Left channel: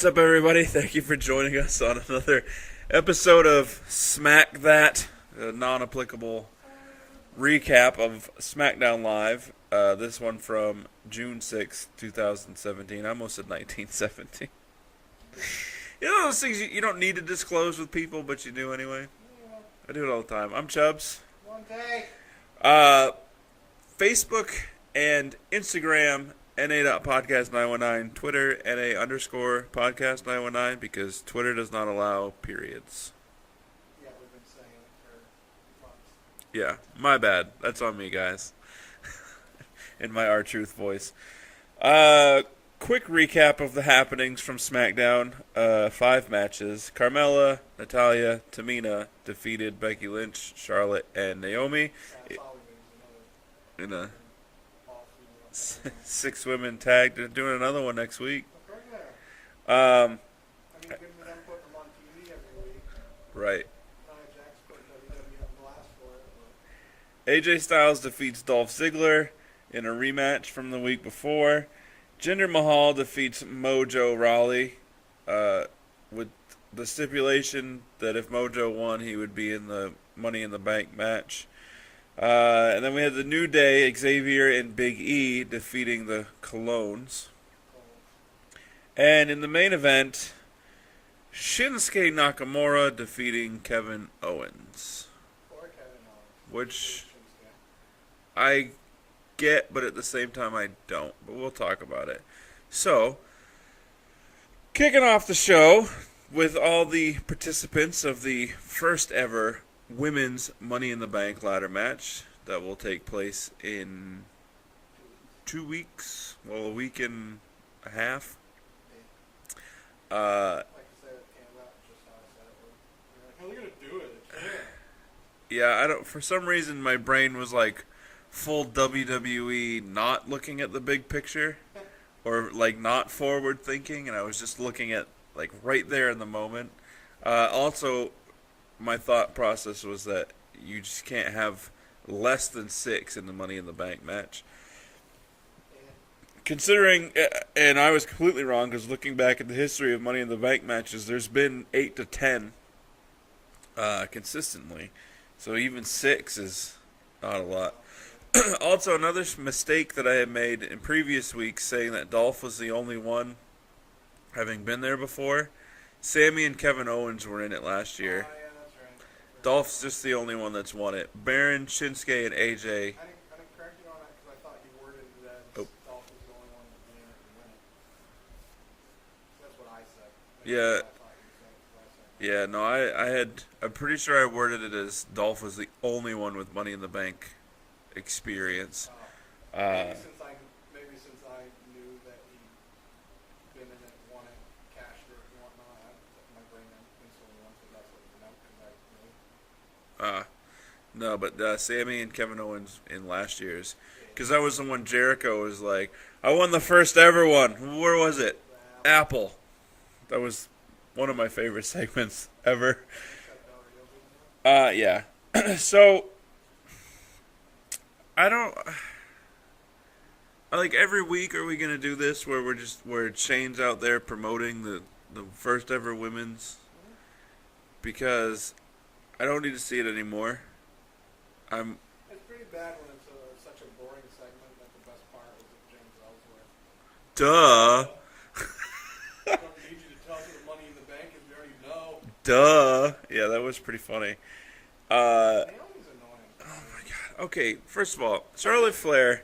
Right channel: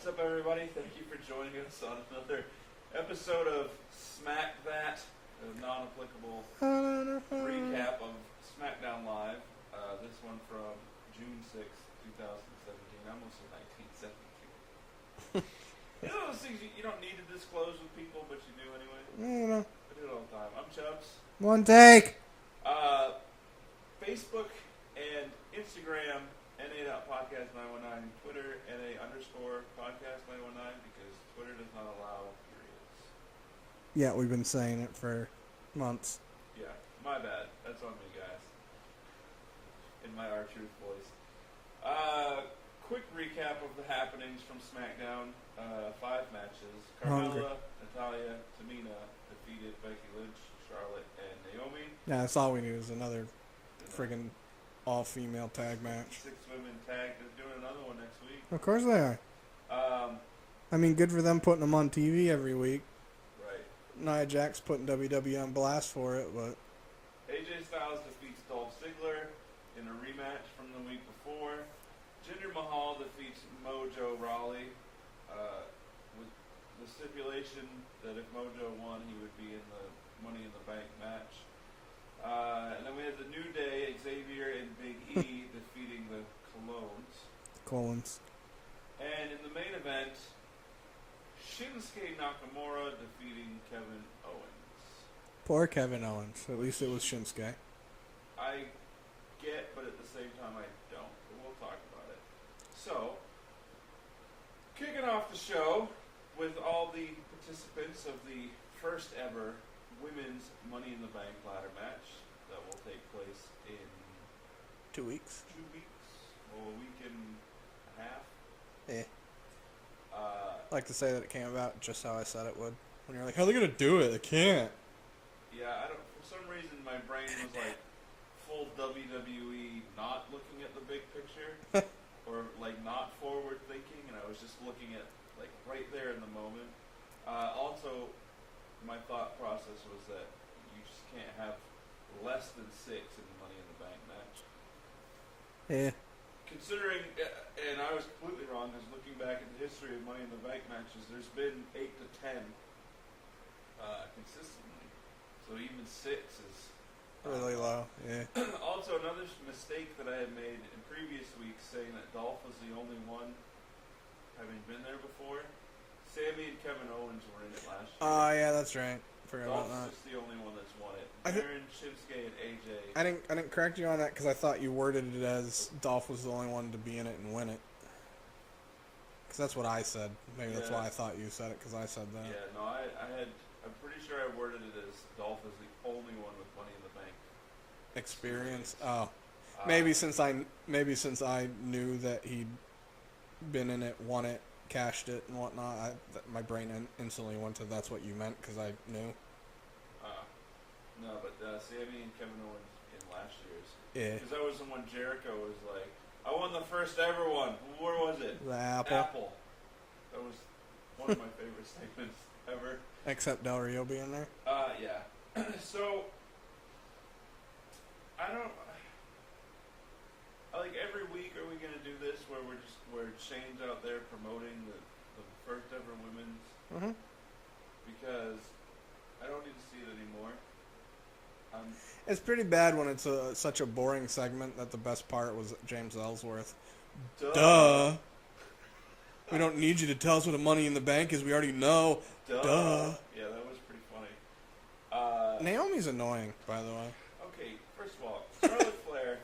What's up, everybody? Thank you for joining us on another episode of SmackThat, a non-applicable recap of SmackDown Live. This one from June 6, 2017. I almost said 1917. You know those things you don't need to disclose with people, but you do anyway? I do it all the time. I'm Chubbs. One take. Facebook and Instagram, NA.podcast919, Twitter, NA_podcast919, because Twitter does not allow periods. Yeah, we've been saying it for months. Yeah, my bad. That's on me, guys. In my R-Truth voice. Quick recap of the happenings from SmackDown. 5 matches. Carmella, Natalya, Tamina defeated Becky Lynch, Charlotte, and Naomi. Yeah, that's all we need is another freaking all-female tag match. 6 women tagged. They're doing another one next week. Of course they are. I mean, good for them putting them on TV every week. Right. Nia Jax putting WWE on blast for it, but AJ Styles defeats Dolph Ziggler in a rematch from the week before. Jinder Mahal defeats Mojo Rawley with the stipulation that if Mojo won, he would be in the Money in the Bank match. And then we had the New Day, Xavier and Big E defeating the Colognes. And in the main event, Shinsuke Nakamura defeating Kevin Owens. Poor Kevin Owens. At least it was Shinsuke. I get, but at the same time I don't. But we'll talk about it. So, kicking off the show with all the participants of the first ever Women's Money in the Bank ladder match that will take place in 2 weeks. 2 weeks. Well, a week and a half. Yeah. I like to say that it came about just how I said it would. When you're like, how are they going to do it? They can't. Yeah, I don't. For some reason, my brain was like full WWE, not looking at the big picture, or like not forward thinking, and I was just looking at like right there in the moment. Also, my thought process was that you just can't have less than 6 in the Money in the Bank match. Yeah. Considering, and I was completely wrong, because looking back at the history of Money in the Bank matches, there's been 8 to 10 consistently. So even 6 is not a lot. Yeah. Also, another mistake that I had made in previous weeks, saying that Dolph was the only one having been there before. Sammy and Kevin Owens were in it last year. Oh, yeah, that's right. Dolph's just the only one that's won it. Baron, Shinsuke, and AJ. I didn't correct you on that because I thought you worded it as Dolph was the only one to be in it and win it. Because that's what I said. Maybe that's why I thought you said it, because I said that. Yeah, no, I'm pretty sure I worded it as Dolph was the only one with Money in the Bank experience. Oh. Maybe since I knew that he'd been in it, won it, cashed it, and whatnot, my brain instantly went to that's what you meant, because I knew. No, but Sammy and Kevin Owens in last year's. Because Yeah. that was the one Jericho was like, I won the first ever one. Where was it? The Apple. That was one of my favorite segments ever. Except Del Rio being there. Yeah. So, like every week are we going to do this where Shane's out there promoting the first ever women's? Mm-hmm. Because I don't need to see it anymore. It's pretty bad when it's such a boring segment that the best part was James Ellsworth. Duh. I don't need you to tell us what the Money in the Bank is. We already know. Duh. Yeah, that was pretty funny. Naomi's annoying, by the way. Okay, first of all, Charlotte Flair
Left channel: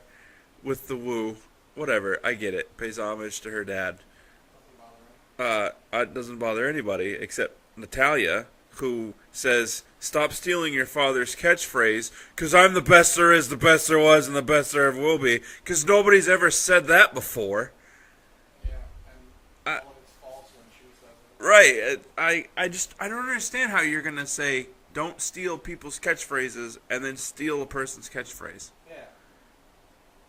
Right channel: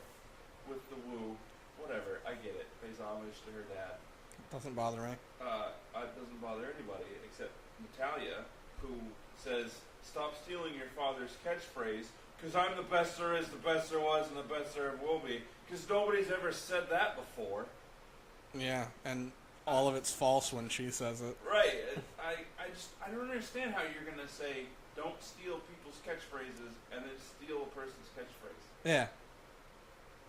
with the woo, whatever, I get it. Pays homage to her dad. Doesn't bother me. It doesn't bother anybody except Natalya, who says, stop stealing your father's catchphrase, because I'm the best there is, the best there was, and the best there ever will be, because nobody's ever said that before. Yeah, and all of it's false when she says it. Right. I don't understand how you're going to say, don't steal people's catchphrases, and then steal a person's catchphrase. Yeah.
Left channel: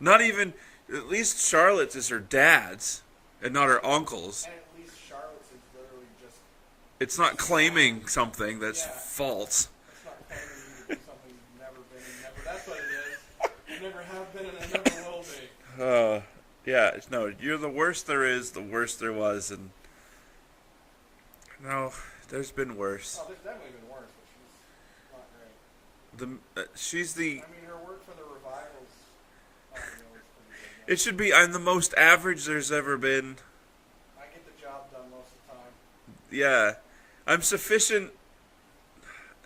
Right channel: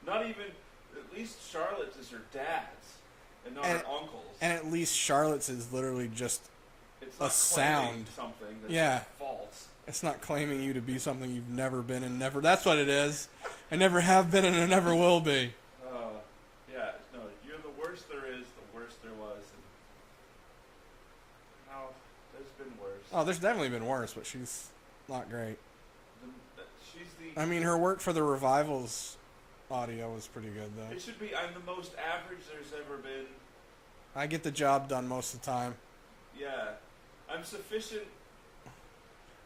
Not even, at least Charlotte's is her dad's, and not her uncle's. And at least Charlotte's is literally just... It's not claiming something that's false. It's not claiming you to be something you've never been and never... That's what it is. I never have been and I never will be. Yeah, no, you're the worst there is, the worst there was, and No, there's been worse. Oh, there's definitely been worse, but she's not great. She's the. I mean, her work for the Revivals audio was pretty good, though. It should be. I'm the most average there's ever been. I get the job done most of the time. Yeah, I'm sufficient.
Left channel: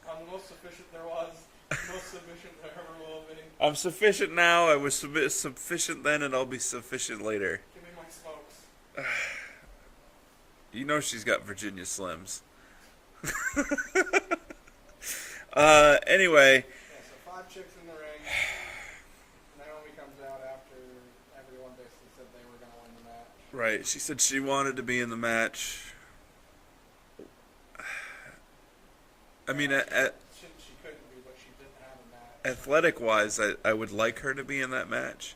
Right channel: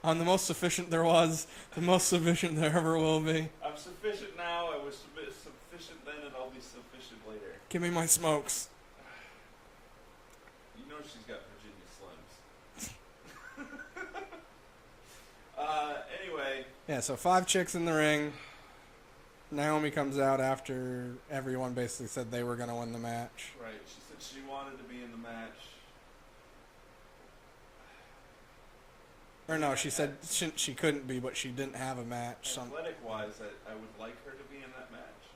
I'm the most sufficient there was, the most sufficient there ever will be. I'm sufficient now. I was sufficient then, and I'll be sufficient later. Give me my smokes. You know she's got Virginia Slims. Anyway. Yeah, so 5 chicks in the ring. Naomi comes out after everyone basically said they were going to win the match. Right. She said she wanted to be in the match. She said she couldn't be, but she didn't have a match. Athletic-wise, I would like her to be in that match.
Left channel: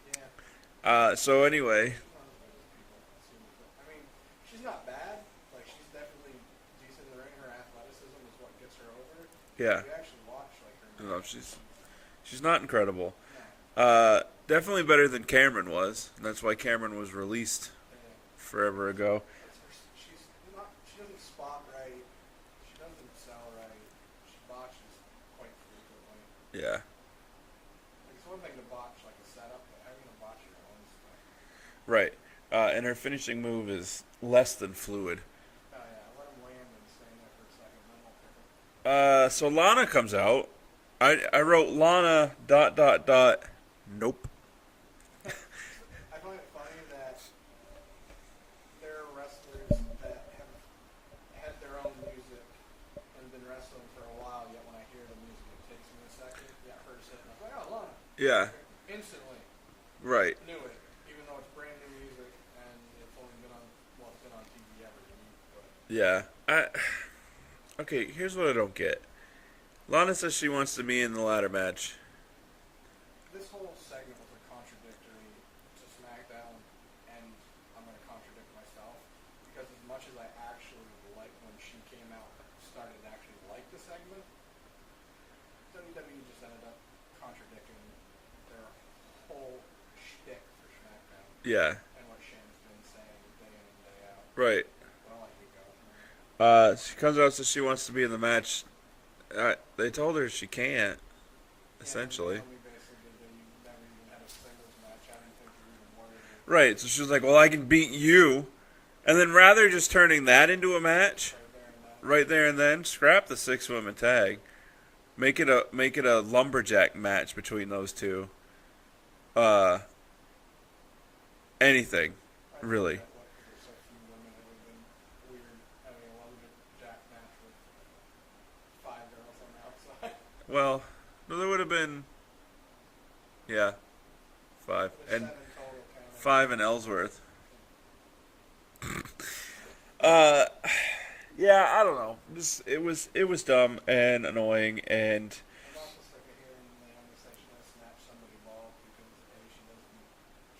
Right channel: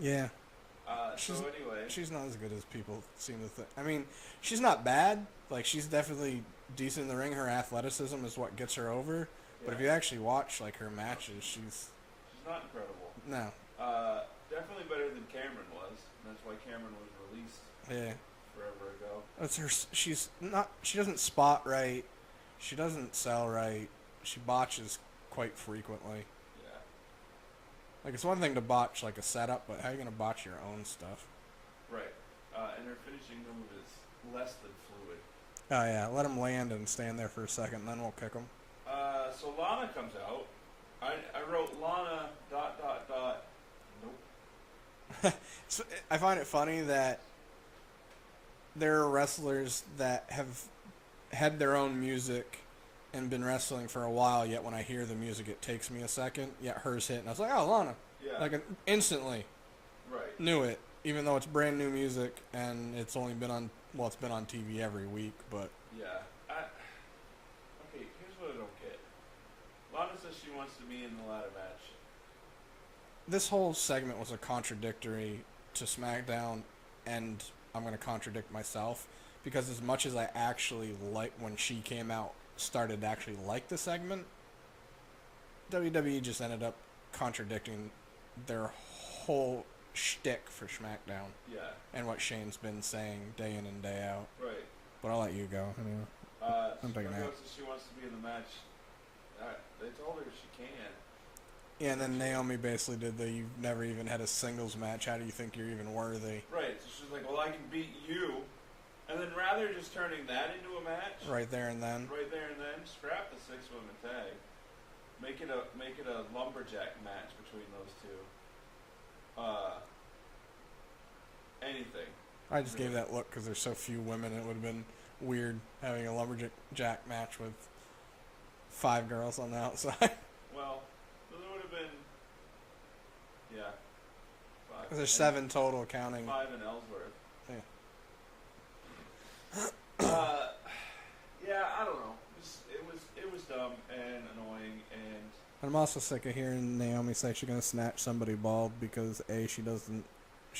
Yeah. So anyway. She's not as good as people seem to think. I mean, she's not bad. Like, she's definitely decent in the ring. Her athleticism is what gets her over. Yeah. But if you actually watch, like, her matches, she's not incredible. No. Definitely better than Cameron was. And that's why Cameron was released. Yeah. Forever ago. That's her. She doesn't spot right. She doesn't sell right. She botches quite frequently. Yeah. Like, it's one thing to botch like a setup, but how are you gonna botch your own stuff? Right. And her finishing move is less than fluid. Oh yeah, let him land and stand there for a second, then we'll kick him. So Lana comes out. I wrote Lana ... Nope. So I find it funny that there are wrestlers that have had their own music and been wrestling for a while, yet when I hear the music, it takes me a second. Yet hers hit, and I was like, oh, Lana. Yeah. Like, instantly. Right. Knew it, even though it's brand new music, and it's only been on, well, it's been on TV every week, but... Yeah. Okay, here's what I don't get. Lana says she wants to be in the ladder match. This whole segment was a contradictory to SmackDown, and I'm going to contradict myself, because as much as I actually like when she came out, started to actually like the segment, WWE just ended up contradicting their whole shtick for SmackDown. Yeah. And what Shane's been saying day in and day out. Right. But I'll let you go. She comes out, says she wants to be in the match. They told her she can't. Yeah, and Naomi basically did the, you've never even had a singles match, how do you think you're even worthy? Right, so she was like, well, I can beat you. And then rather just turning that into a match. Right there and then. Right there and then, scrap the 6-woman tag. Make it a lumberjack match between those two. Anything. I just really. gave that look because there's so few women, it would have been weird having a lumberjack match with 5 girls on the outside. Well, no, there would have been, 5. There's 7 total counting. 5 in Ellsworth. Yeah. Yeah, I don't know. It was dumb and annoying, and I'm also sick of hearing Naomi say she's gonna snatch somebody bald because she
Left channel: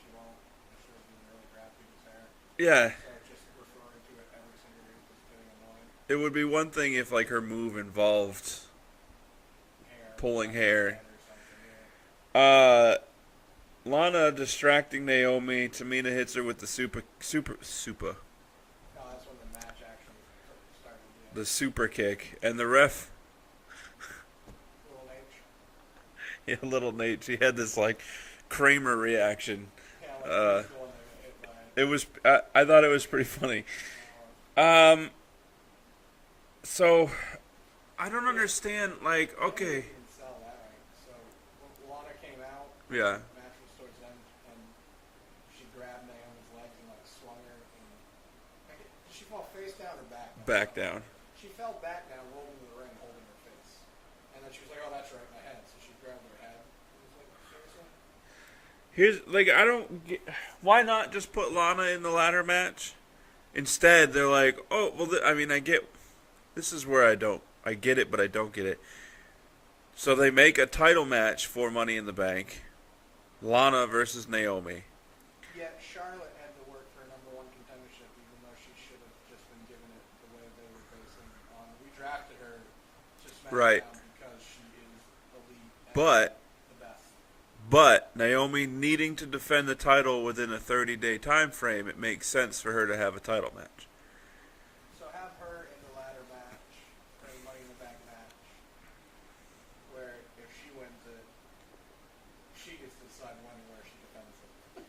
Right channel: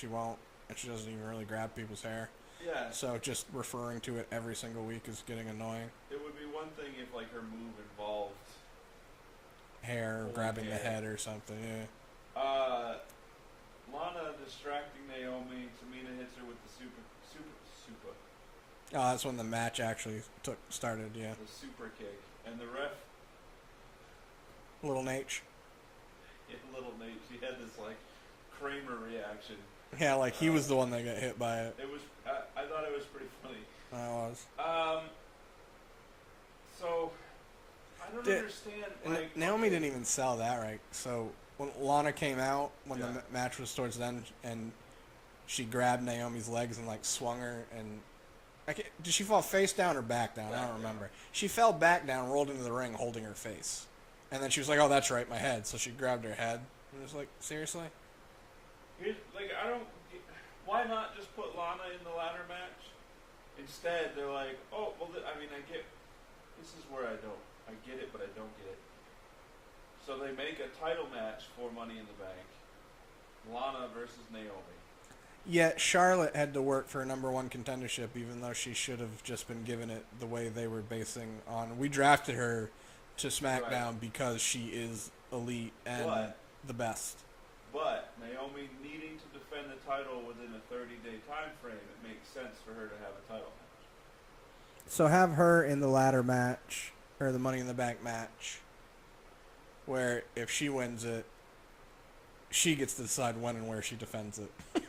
won't, and she doesn't even really grab people's hair. yeah, So just referring to it every single week is getting annoying. it would be one thing if like her move involved Hair, pulling grabbing hair the head or something. Yeah. Lana distracting Naomi. Tamina hits her with the super. Oh, that's when the match actually started. Yeah. The super kick, and the ref. Little Nate. Yeah, little Nate. She had this like Kramer reaction. Yeah, like he was the one that got hit by it. It was. I thought it was pretty funny. It was. So I don't understand. Like, Naomi okay, didn't even sell that right. So when Lana came out, when the match was towards the end, and she grabbed Naomi's legs and like swung her, and did she fall face down or back down? Back I don't down. remember. She fell back down, rolled into the ring, holding her face, and then she was like, "Oh, that's right, my head." So she grabbed her head. And it was like, seriously. here's like I don't get, why not just put Lana in the ladder match? Instead, they're like, oh well. I mean, I get. This is where I get it, but I don't get it. So they make a title match for Money in the Bank. Lana versus Naomi. Yet Charlotte had to work for a #1 contendership, even though she should have just been given it the way they were basing on. We drafted her to SmackDown because she is elite and But the best. But Naomi needing to defend the title within a 30-day time frame, it makes sense for her to have a title match. So have her in the ladder match, or the Money in the Bank match, where if she wins it, she gets to decide when and where she defends it.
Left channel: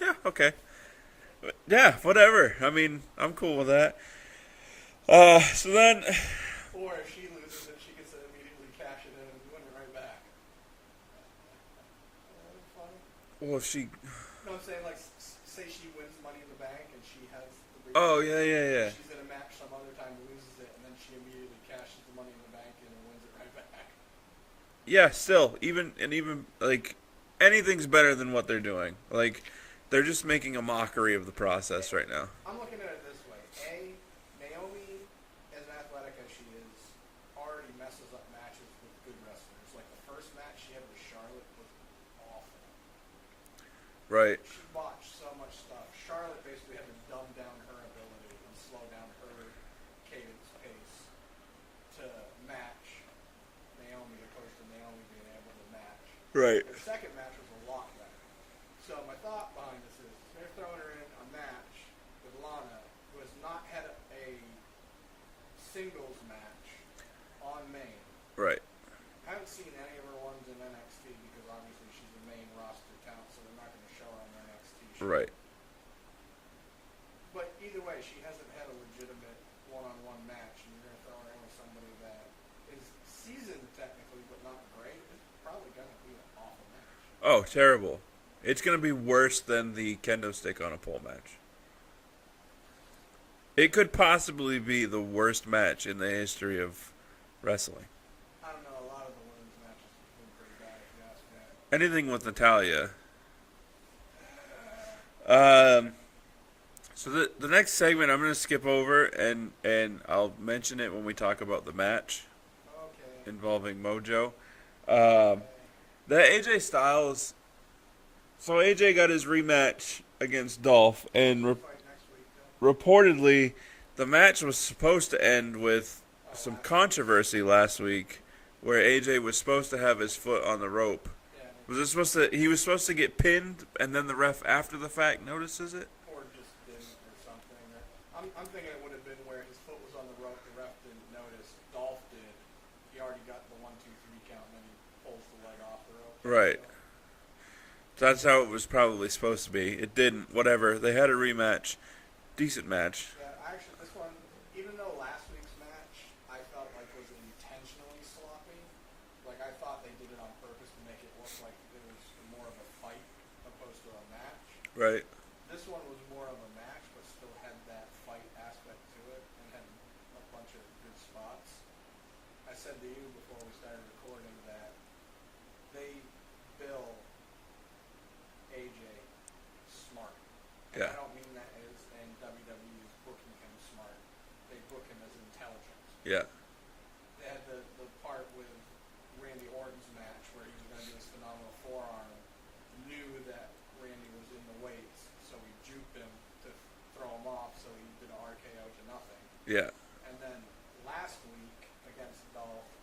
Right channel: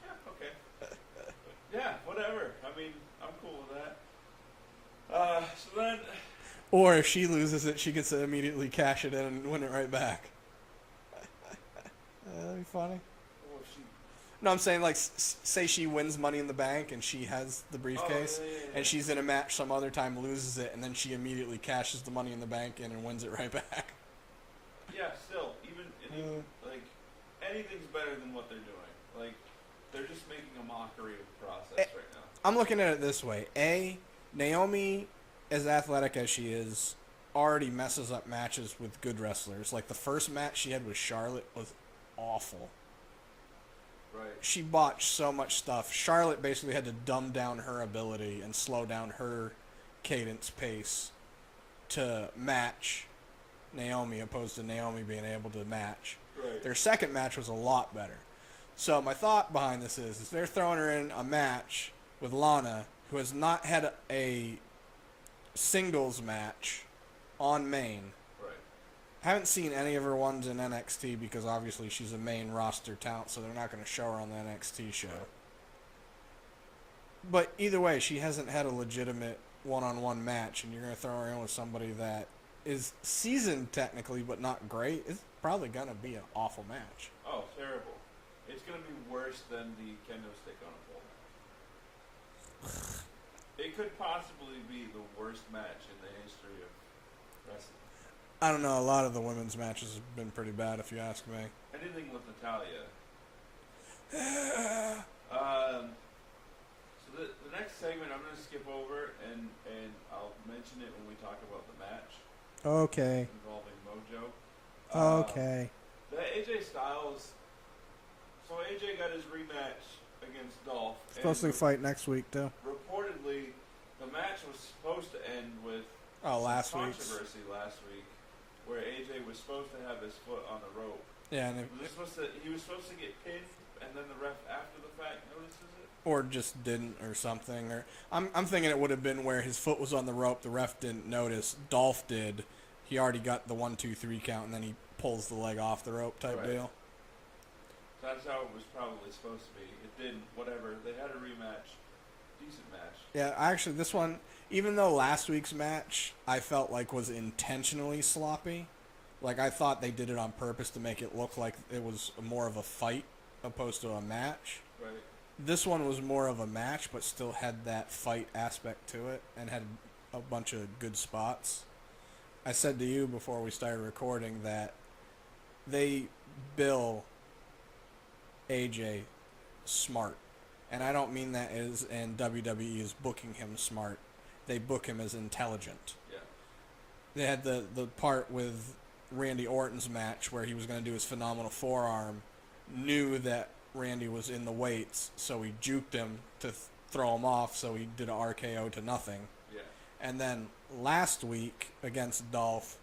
Yeah, okay. Yeah, whatever. I mean, I'm cool with that. So then... Or if she loses it, she gets to immediately cash it in and win it right back. That'd be funny. Well, if she... No, I'm saying, like, say she wins Money in the Bank and she has the briefcase. Oh, yeah. And she's in a match some other time, loses it, and then she immediately cashes the Money in the Bank in and wins it right back. Yeah, still. Even, like, anything's better than what they're doing. Like, they're just making a mockery of the process right now. I'm looking at it this way. Naomi, as athletic as she is, already messes up matches with good wrestlers. Like, the first match she had with Charlotte was awful. Right. She botched so much stuff. Charlotte basically had to dumb down her ability and slow down her cadence pace to match Naomi, opposed to Naomi being able to match. Right. Their second match was a lot better. So my thought behind this is they're throwing her in a match with Lana, who has not had a singles match on main. Right. Haven't seen any of her ones in NXT because obviously she's a main roster talent, so they're not going to show her on the NXT show. Right. But either way, she hasn't had a legitimate one-on-one match, and you're going to throw her in with somebody that is seasoned technically but not great. It's probably going to be an awful match. Oh, terrible. It's going to be worse than the kendo stick on a pole match. It could possibly be the worst match in the history of wrestling. I don't know. A lot of the women's matches have been pretty bad, if you ask me. Anything with Natalya. So the next segment I'm going to skip over, and I'll mention it when we talk about the match Okay. involving Mojo. Okay. The AJ Styles... So AJ got his rematch against Dolph, and Supposed to fight next week, too. reportedly the match was supposed to end with some controversy last week, where AJ was supposed to have his foot on the rope. Yeah, and He was supposed to get pinned, and then the ref after the fact notices it? or just didn't, or something. Or I'm thinking it would have been where his foot was on the rope, the ref didn't notice, Dolph did. He already got the 1, 2, 3 count, and then he pulls the leg off the rope type Right. deal. That's how it was probably supposed to be. It didn't. Whatever. They had a rematch. Decent match. Yeah, actually, this one, even though last week's match I felt like was intentionally sloppy, like I thought they did it on purpose to make it look like it was more of a fight opposed to a match. Right. This one was more of a match, but still had that fight aspect to it and had a bunch of good spots. I said to you before we started recording that they bill AJ smart. And Yeah. I don't mean that as in WWE is booking him smart. They book him as intelligent. Yeah. They had the part with Randy Orton's match where he was going to do his phenomenal forearm, knew that Randy was in the weights, so he juked him to throw him off, so he did an RKO to nothing. Yeah. And then last week against Dolph,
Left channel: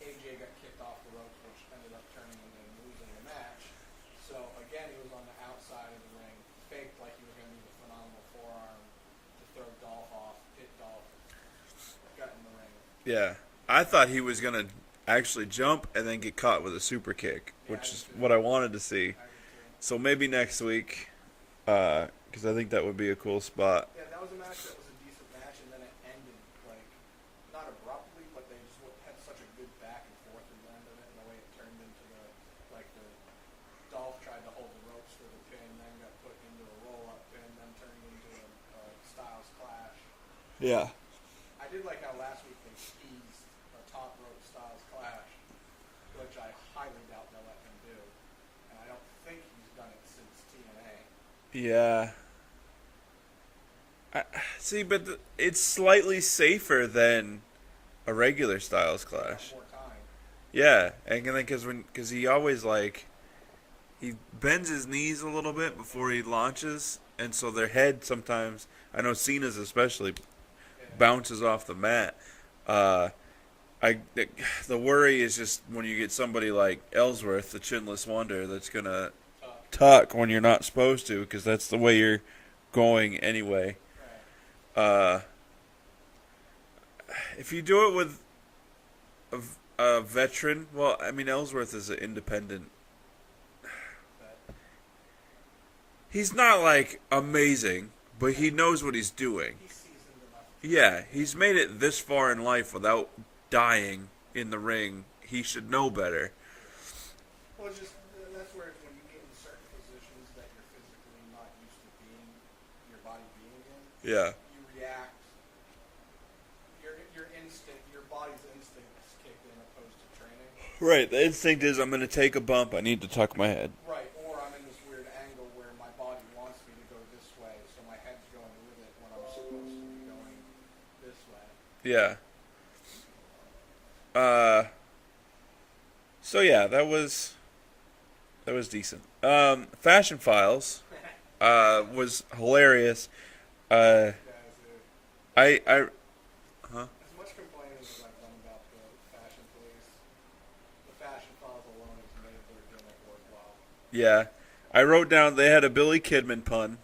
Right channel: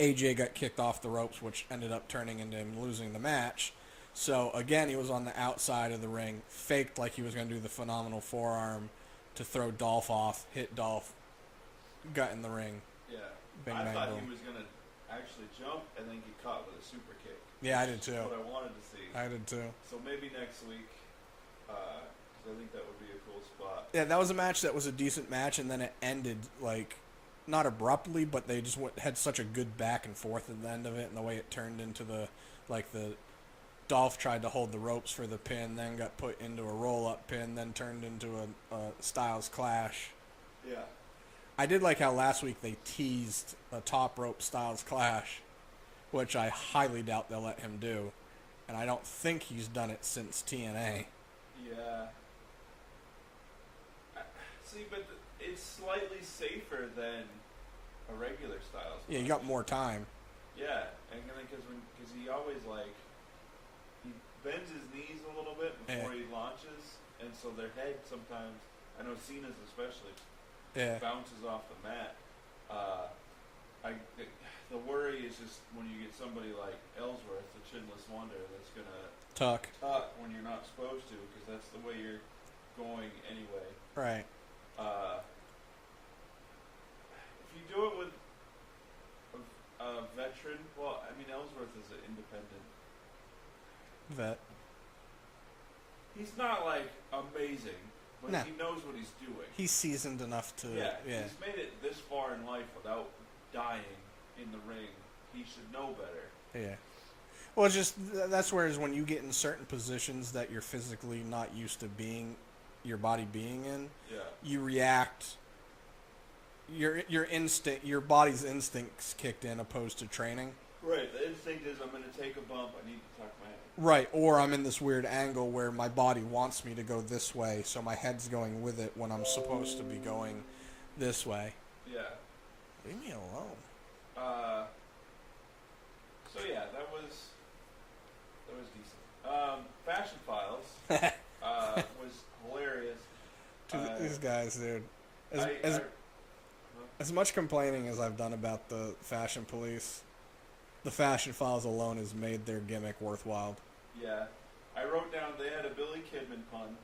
AJ got kicked off the ropes, which ended up turning into him losing the match. So again, he was on the outside of the ring, faked like he was going to do the phenomenal forearm to throw Dolph off, hit Dolph, got in the ring. Yeah. Bang I thought out. he was going to actually jump and then get caught with a super kick. Yeah, I which did is too. what I wanted to see. I did too. So maybe next week, because I think that would be a cool spot. Yeah, that was a match that was a decent match, and then it ended, like, not abruptly, but they just had such a good back and forth at the end of it, and the way it turned into the Dolph tried to hold the ropes for the pin, then got put into a roll-up pin, then turned into a Styles Clash. Yeah. I did like how last week they teased a top rope Styles Clash, which I highly doubt they'll let him do. And I don't think he's done it since TNA. Yeah. See, but it's slightly safer than a regular Styles Clash. Yeah, you got more time. Yeah, and then because he always he bends his knees a little bit before he launches, and so their head sometimes, I know Cena's especially, bounces off the mat. The worry is just when you get somebody like Ellsworth, the chinless wonder, that's gonna Tuck. when you're not supposed to, because that's the way you're going anyway. Right. If you do it with a veteran, well, I mean, Ellsworth is an independent Vet. He's not like amazing, but No. he knows what he's doing. He's seasoned enough to. Yeah, he's made it this far in life without dying in the ring. He should know better. Yeah. Well, it's just that's whereas when you get in certain positions that you're physically not used to being, your body being in, Yeah. you react. Your body's instincts kicked in opposed to training. Right. The instinct is I'm going to take a bump. I need to tuck my head. Right. Or I'm in this weird angle where my body wants me to go this way, so my head's going with it when I'm supposed to be going this way. Yeah. Leave me alone. So yeah, that was decent. Fashion Files was hilarious. These guys, dude. As much complaining as I've done about the Fashion Police, the Fashion Files alone has made their gimmick worthwhile. Yeah. I wrote down they had a Billy Kidman pun.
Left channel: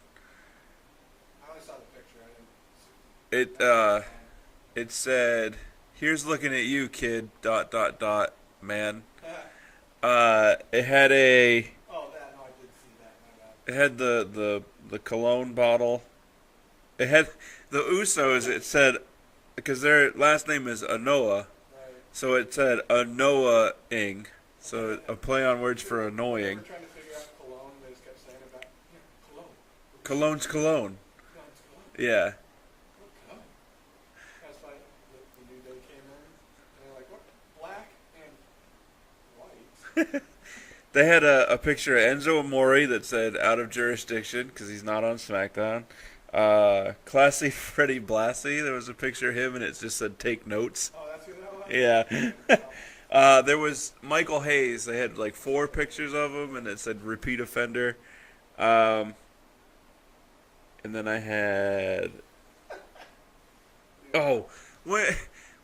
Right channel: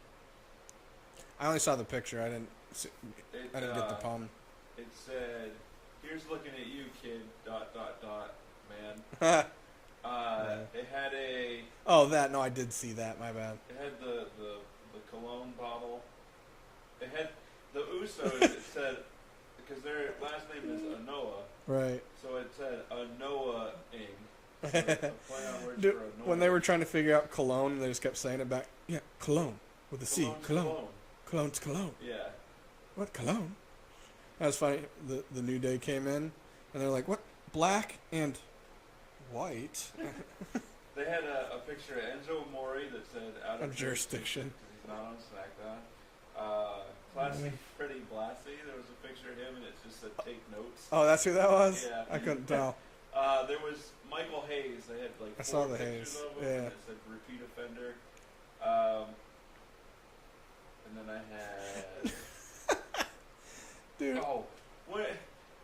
I only saw the picture. I didn't see, It I didn't get the pun. It said, "Here's looking at you, kid. ... Man." It had a. Oh, that. No, I did see that. My bad. It had the cologne bottle. It had the Usos. It said, because their last name is Anoa. Right. So it said Anoa-ing. So a play on words for annoying. When they were trying to figure out cologne, they just kept saying it back. Yeah, cologne. With a C. Cologne's cologne. Cologne's cologne. Yeah. What cologne? That was funny. The New Day came in, and they're like, what? Black and white? They had a picture of Enzo Amore that said out of jurisdiction because he's not on SmackDown. Classy Freddie Blassie, there was a picture of him and it just said take notes. Oh, that's who that was? Yeah. I couldn't tell. There was Michael Hayes. They had like 4 pictures of him and it said repeat offender. And then I had... Dude. Oh,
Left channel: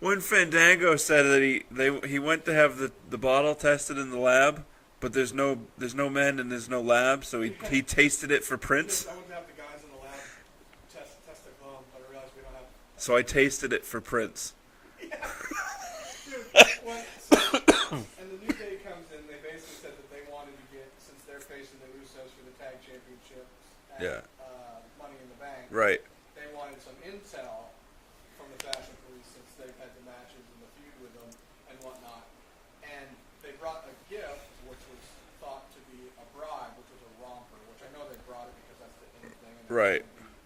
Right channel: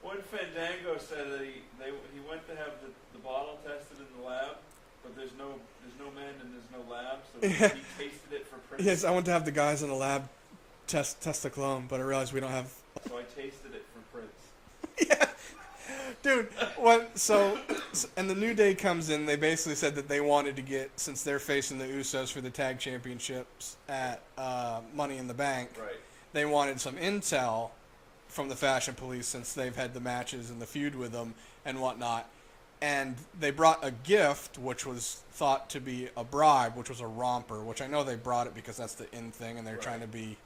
when Fandango said that he went to have the bottle tested in the lab, but there's no men and there's no lab, so he tasted it for Prince. Yes, I went to have the guys in the lab test the cologne, but I realized we don't have. So I tasted it for Prince. Yeah, dude. And the New Day comes in. They basically said that they wanted to get, since they're facing the Usos for the tag championships at Money in the Bank. Right. They wanted some intel from the Fashion Police since they've had the matches and the feud with them and whatnot. And they brought a gift, which was thought to be a bribe, which was a romper, which I know they brought it because that's the in thing, and they're trying to be...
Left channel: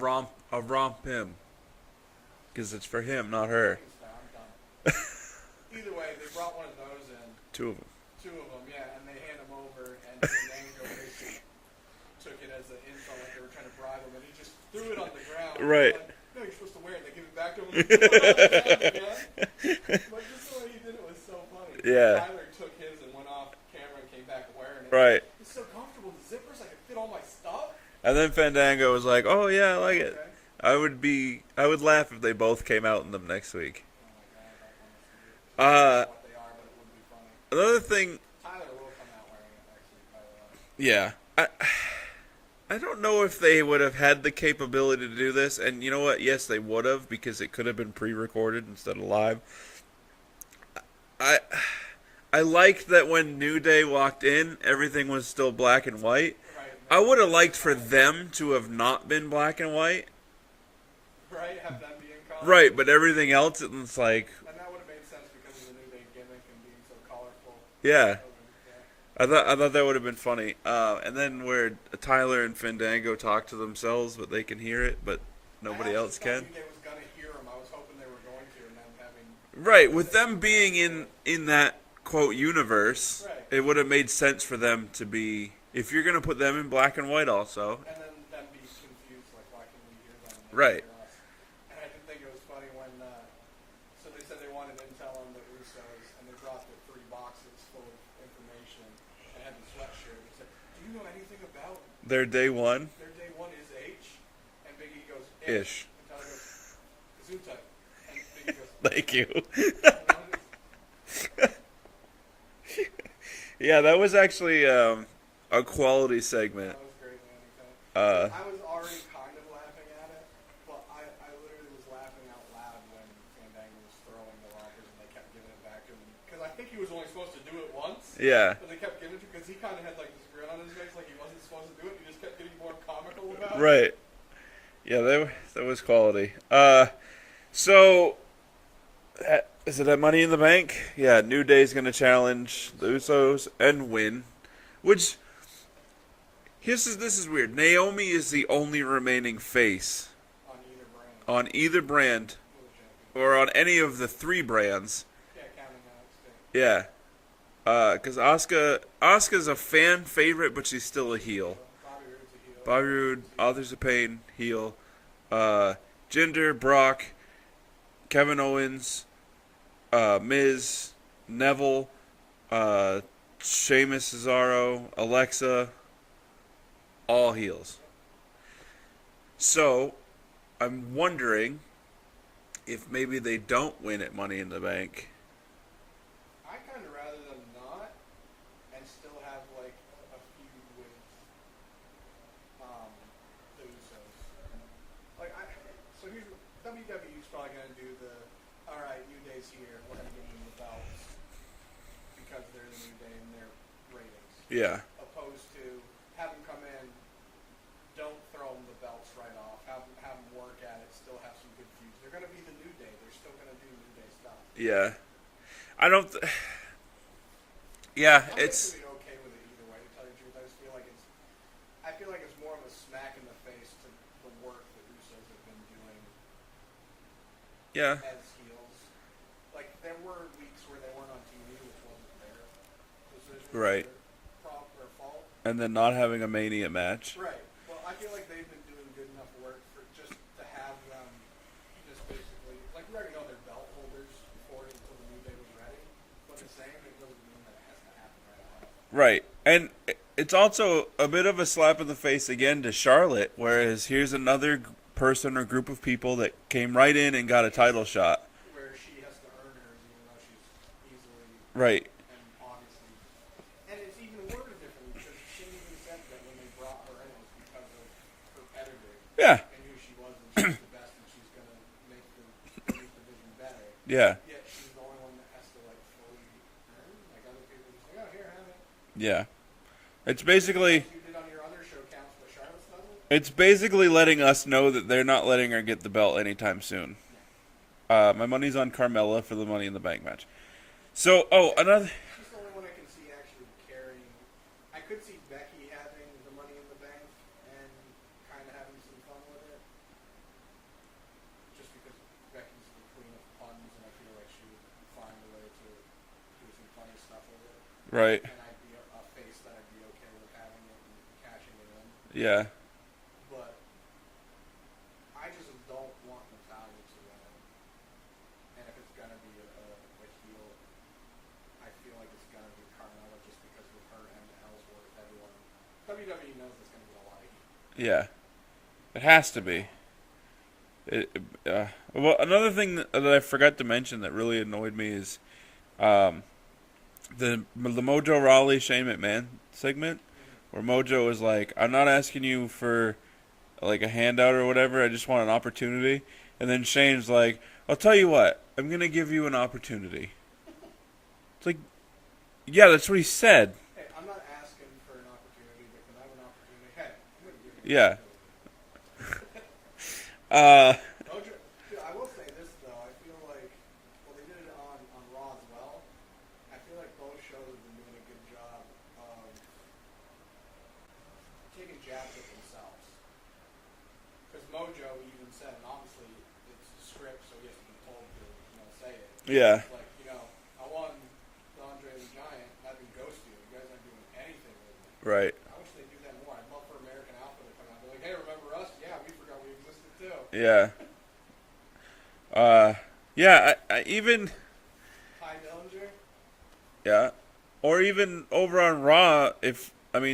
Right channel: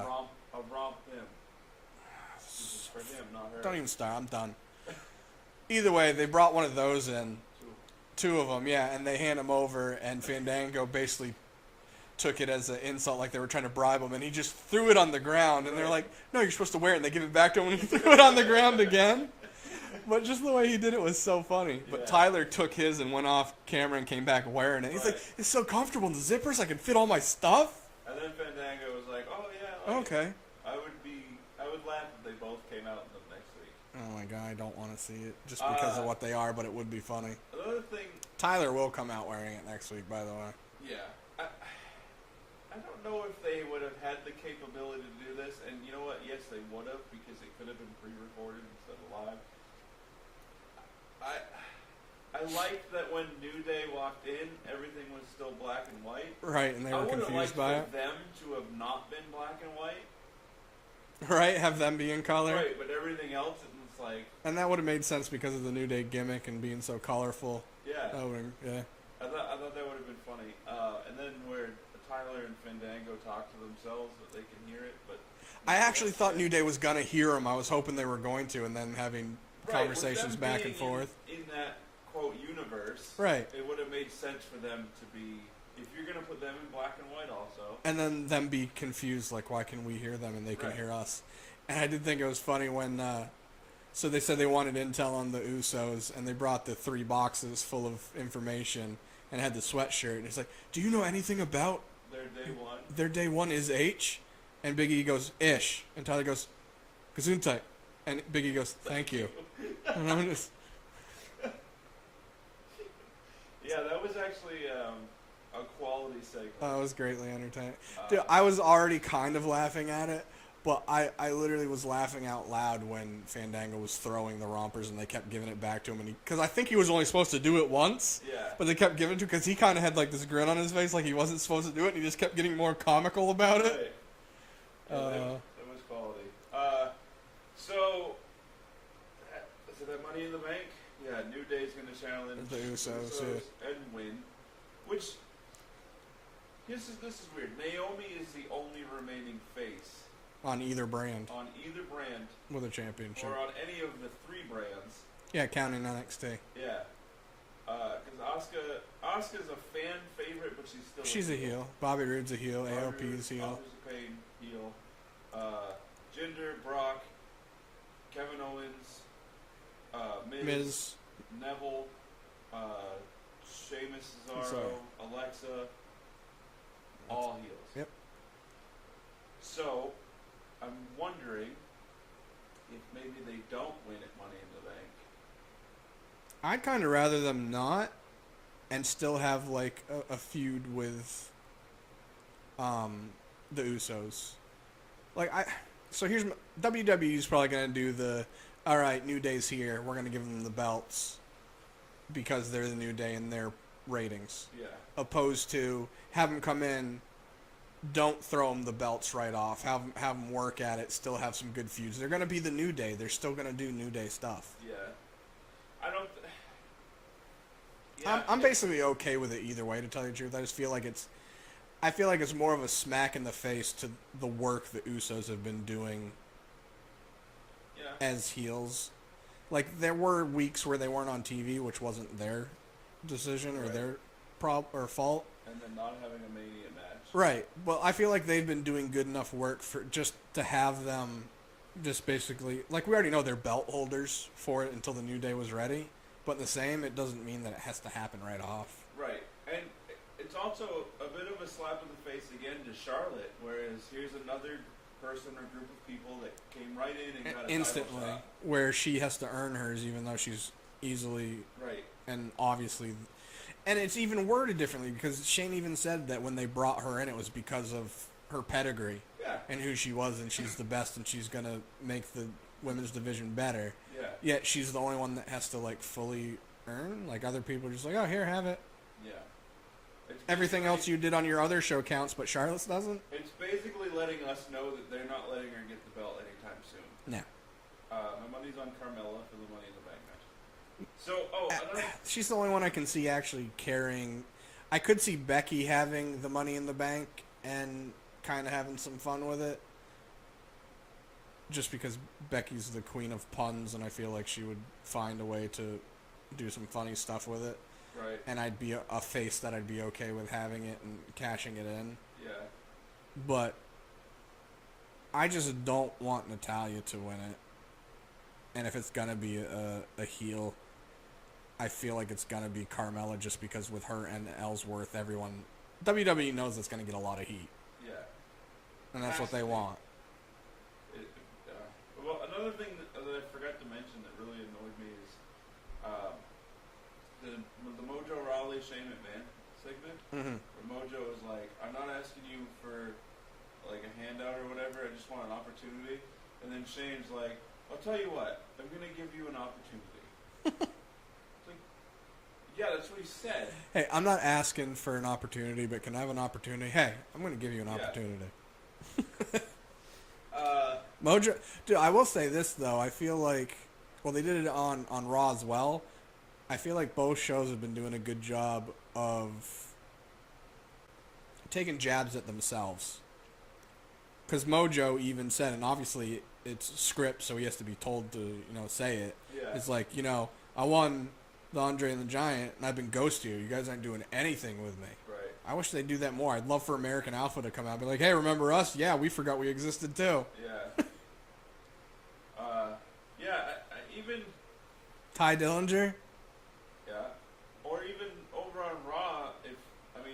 romp him. Because it's for him, not her. Don't even start. I'm done. Either way, they brought one of those in. 2 of them. 2 of them, yeah, and they hand them over, and Fandango basically took it as an insult, like they were trying to bribe him, and he just threw it on the ground. And right. they're like, no, you're supposed to wear it, and they give it back to him, and he threw it on the ground again. But just the way he did it was so funny. Yeah. But Tyler took his and went off camera and came back wearing it. Right. Like, it's so comfortable in the zippers, I can fit all my stuff. And then Fandango was like, "Oh yeah, I like it. Okay. I would laugh if they both came out in them next week." Oh my god, I don't want to see it. Just because of what they are, but it would be funny. Another thing, Tyler will come out wearing it next week, by the way. yeah. I don't know if they would have had the capability to do this, and you know what? Yes, they would have, because it could have been pre-recorded instead of live. I liked that when New Day walked in, everything was still black and white. Right. And I would have liked for them to have not been black and white. Right, have them be in color. Right, but everything else, it's like... And that would have made sense because of the New Day gimmick and being so colorful. Yeah. Yeah. I thought that would have been funny. And then where Tyler and Fandango talk to themselves, but they can hear it, but nobody I actually else thought can. New Day was going to hear them. I was hoping they were going to, and then having Right, with them conversations back being and forth. in that, quote, universe, Right. It would have made sense for them to be... If you're going to put them in black and white also... And then them be confused, like, why can we hear them and they Right. can hear us? And I did think it was funny when... so they said they wanted intel on the Usos, and they brought the 3 boxes full of information and had the sweatshirt. And it's like, do you know anything about... Their day one? Their day one is H? And Big E goes, Ish. And Tyler goes, Gesundheit. And Biggie goes, Thank you. And I'm just, Yeah, that was actually a quality segment. that was greatly entertaining. Uh, Dude, I was already kind of laughing at it, but I literally was laughing out loud when Fandango was throwing the rompers and they kept giving it back to him. Because I think he was only supposed to do it once. Yeah. But they kept giving it to him because he kind of had like this grin on his face like he wasn't supposed to do it. And he just kept getting more comical about it. Right. Yeah, that was quality. So, is it at Money in the Bank? Yeah, New Day's going to challenge the Usos and win. Which, this is weird. Naomi is the only remaining face On either brand. With a championship. or on any of the 3 brands. Yeah, counting NXT. Yeah. Because Asuka's a fan favorite, but she's still She's a heel. Bobby Roode's a heel. Bobby LP Roode, is a heel. Authors of Pain, heel. Jinder, Brock, Kevin Owens, Miz, Neville, Sheamus, Cesaro, Alexa, all heels. Yep. So, I'm wondering if maybe they don't win at Money in the Bank. I'd kind of rather them not and still have like a feud with the Usos. So here's WWE's probably going to do the all right, New Day's here. We're going to give them the belts because they're the New Day in their ratings. Yeah. Opposed to have them come in, don't throw them the belts right off. Have them work at it. Still have some good feuds. They're going to be the New Day. They're still going to do New Day stuff. Yeah. I don't. Yeah. I'm basically okay with it either way. To tell you the truth, I just feel like it's. I feel like it's more of a smack in the face to the work the Usos have been doing. Yeah. As heels, like there were weeks where they weren't on TV, which wasn't their decision or Right. their or fault. And then not having a Mania match. Right. Well, I feel like they've been doing good enough work for just to have them, just basically like we already know they're belt holders for it until the New Day was ready. But the same, it doesn't mean that it has to happen right off. Right. And it's also a bit of a slap in the face again to Charlotte, whereas here's another person or group of people that came right in and got a title Instantly, shot. where she has to earn hers, even though she's easily Right. and obviously, and it's even worded differently because Shane even said that when they brought her in, it was because of her pedigree Yeah. and who she was, and she's the best, and she's gonna make the women's division better. Yeah. Yet she's the only one that has to like fully earn. Like other people are just like, oh, here, have it. Yeah. It's Everything basically else you did on your other show counts, but Charlotte's doesn't. it's basically letting us know that they're not letting her get the belt anytime soon. No. My money's on Carmella for the Money in the Bank match. So, another. She's the only one I can see actually carrying. I could see Becky having the Money in the Bank and kind of having some fun with it. Just because Becky's the queen of puns, and I feel like she would find a way to do some funny stuff with it. Right. And I'd be a face that I'd be okay with having it and cashing it in. Yeah. But I just don't want Natalya to win it. And if it's going to be a heel, I feel like it's going to be Carmella just because with her and Ellsworth, everyone... WWE knows it's going to get a lot of heat. Yeah. It And has that's to what they be. want. Well, another thing that I forgot to mention that really annoyed me is the Mojo Rawley Shane McMahon segment, where Mojo is like, "I'm not asking you for like a handout or whatever. I just want an opportunity." And then Shane's like, "I'll tell you what. I'm gonna give you an opportunity." It's like, yeah, that's what he said. Hey, I'm not asking for an opportunity, but can I have an opportunity? Hey, I'm going to give you an Yeah. opportunity. Mojo, dude, I will say this though. I feel like, well, they did it on Raw as well. I feel like both shows have been doing a good job of taking jabs at themselves. Because Mojo even said, and obviously it's script, so he has to be told to, say it. Yeah. It's like, I won the Andre and the Giant, and I've been ghosted you. You guys aren't doing anything with me. Right. I wish they'd do that more. I'd love for American Alpha to come out and be like, hey, remember us? Yeah, we forgot we existed too. Yeah. Yeah, I even... Ty Dillinger? Yeah. Or even over on Raw,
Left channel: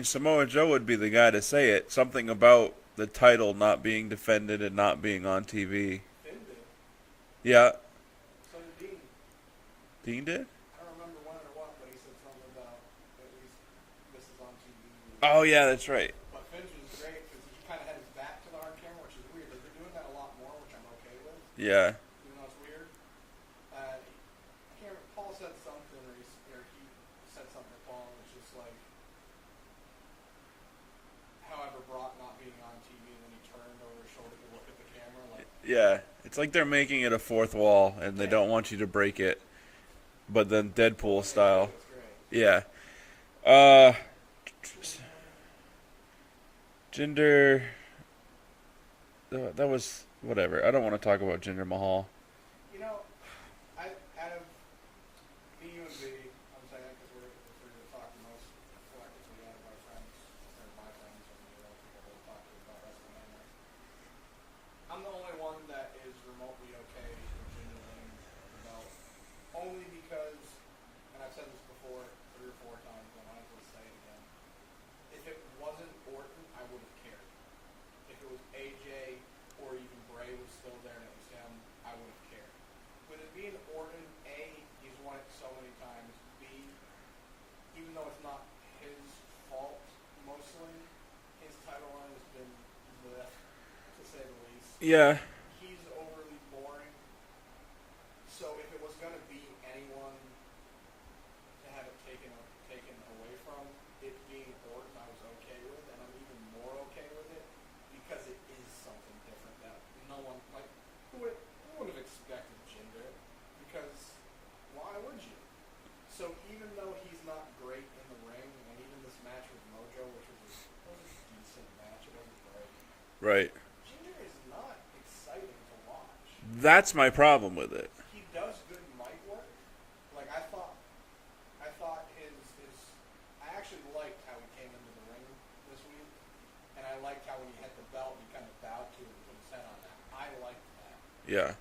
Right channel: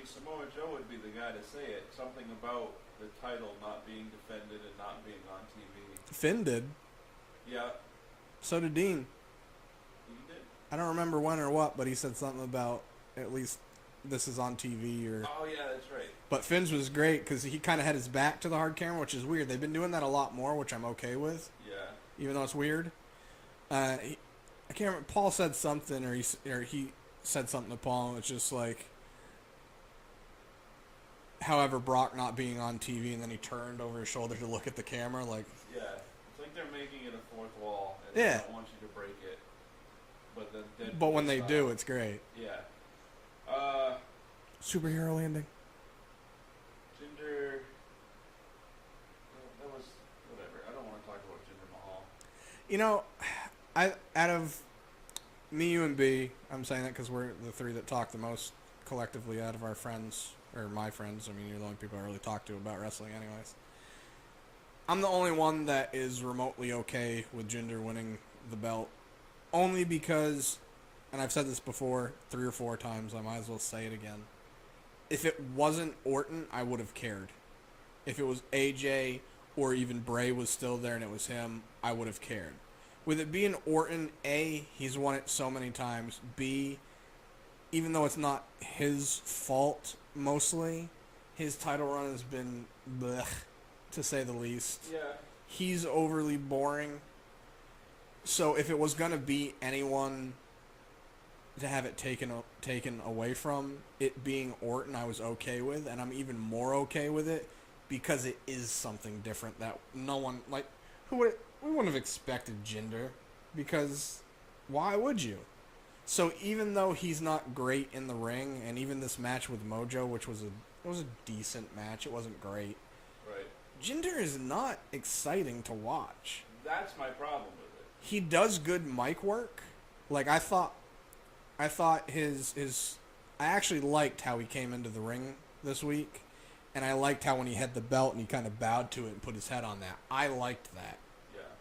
Samoa Joe would be the guy to say it. Something about the title not being defended and not being on TV. Finn did. Yeah. So did Dean. Dean did? I don't remember when or what, but he said something about at least this is on TV or. Oh, yeah, that's right. But Finn's was great because he kind of had his back to the hard camera, which is weird. They've been doing that a lot more, which I'm okay with. Yeah. Even though it's weird. I can't remember. Paul said something, or he said something to Paul. It's just like, however, Brock not being on TV, and then he turned over his shoulder to look at the camera, like. Yeah. It's like they're making it a fourth wall, and they don't want you to break it. But then Deadpool But when style. they do, it's great. Yeah. Superhero landing. Jinder. That was whatever. I don't want to talk about Jinder Mahal. You know, out of me, you, and B, I'm saying that because we're the three that talk the most collectively out of our friends, or my friends. I mean, you're the only people I really talk to about wrestling anyways. I'm the only one that is remotely okay with Jinder winning the belt. Only because, and I've said this before 3 or 4 times, I might as well say it again. If it wasn't Orton, I would have cared. If it was AJ or even Bray was still there and it was him, I would have cared. With it being Orton, A, he's won it so many times. B, even though it's not his fault mostly, his title run has been blech, to say the least. Yeah. He's overly boring. So if it was going to be anyone to have it taken away from, it being Orton, I was okay with, and I'm even more okay with it because it is something different that no one, like, who wouldn't have expected Jinder, because why would you? So even though he's not great in the ring, and even this match with Mojo, which was a decent match, it wasn't great. Right. Jinder is not exciting to watch. That's my problem with it. He does good mic work. Like, I thought his I actually liked how he came into the ring this week, and I liked how when he had the belt and he kind of bowed to it and put his head on that. I liked that. Yeah.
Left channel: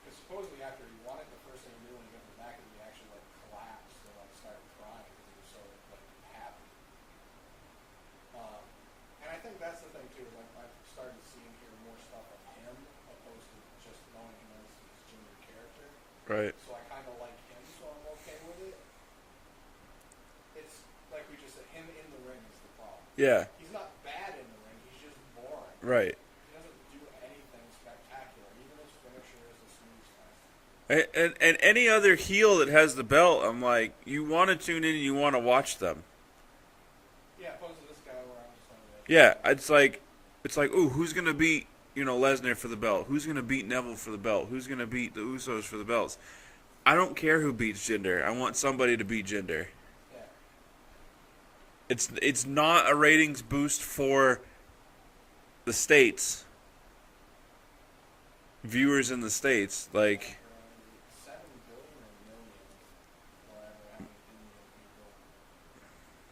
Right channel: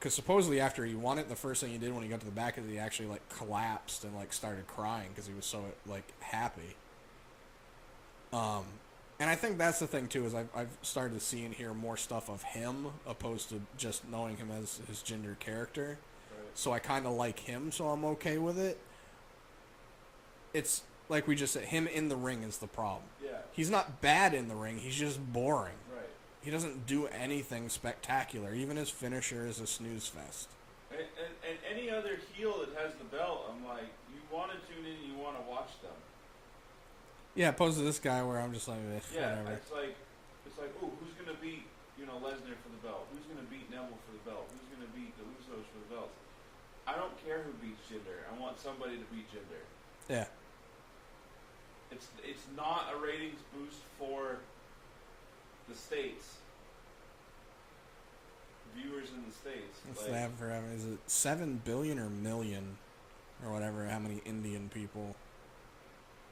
Because supposedly after he won it, the first thing he did when he got to the back is he actually, like, collapsed and, like, started crying because he was so, like, happy. And I think that's the thing, too, is I've started to see and hear more stuff of him opposed to just knowing him as his Jinder character. Right. So I kind of like him, so I'm okay with it. It's, like we just said, him in the ring is the problem. Yeah. He's not bad in the ring, he's just boring. Right. He doesn't do anything spectacular. Even his finisher is a snooze fest. And any other heel that has the belt, I'm like, you want to tune in and you want to watch them. Yeah, opposed to this guy where I'm just like... Yeah, it's like, ooh, who's going to beat, Lesnar for the belt? Who's going to beat Neville for the belt? Who's going to beat the Usos for the belts? I don't care who beats Jinder. I want somebody to beat Jinder. Yeah. It's not a ratings boost for the States. Viewers in the States. Like, is it 7 billion or million? Or whatever, how many Indian people...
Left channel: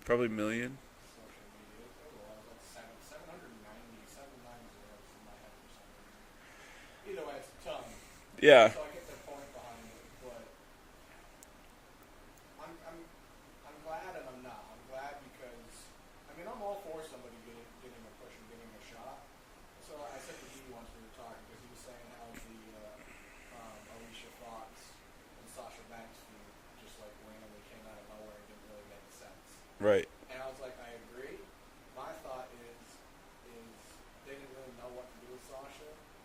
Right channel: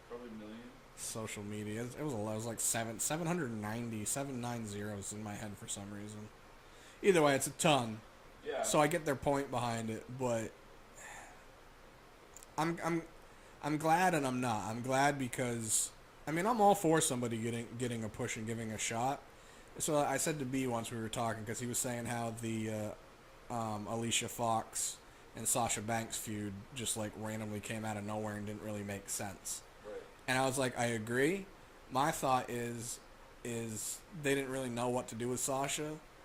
Probably million. Social media. It was like 790 zeros in my head for some reason. Either way, it's a ton. Yeah. So I get their point behind it, but I'm glad and I'm not. I'm glad because I'm all for somebody getting a push and giving a shot. So I said to B once we were talking because he was saying how the Alicia Fox and Sasha Banks feud just like randomly came out of nowhere and didn't really make sense. Right. And I was like, I agree. My thought is they didn't really know what to do with Sasha.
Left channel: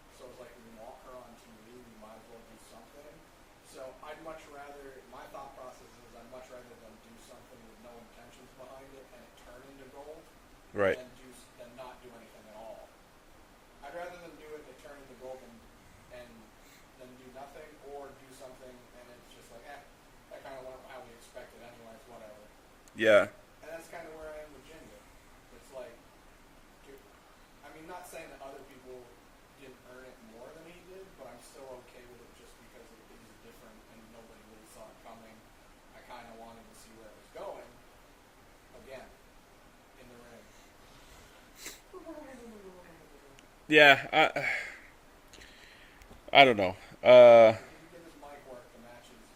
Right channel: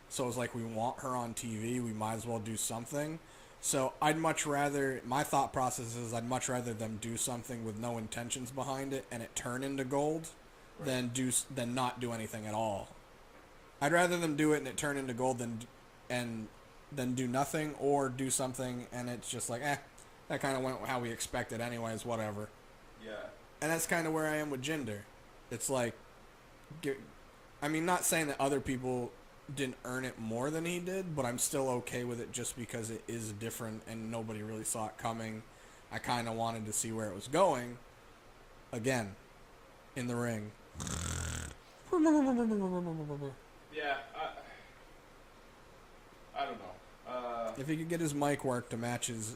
So it was like, we want her on TV. We might as well do something. So I'd much rather, my thought process is I'd much rather them do something with no intentions behind it and it turn into gold right. than not do anything at all. I'd rather them do it and it turn into gold than do nothing or do something and it's just like, that kind of went how we expected anyways, whatever. Yeah. And that's kind of where I am with Jinder. It's like, not saying that other people didn't earn it more than he did, but I'm still okay with it just because it is different and nobody really saw it coming. I kind of wanted to see where it was going. Again, in the ring. Yeah, I don't know. If he could get his mic work to match his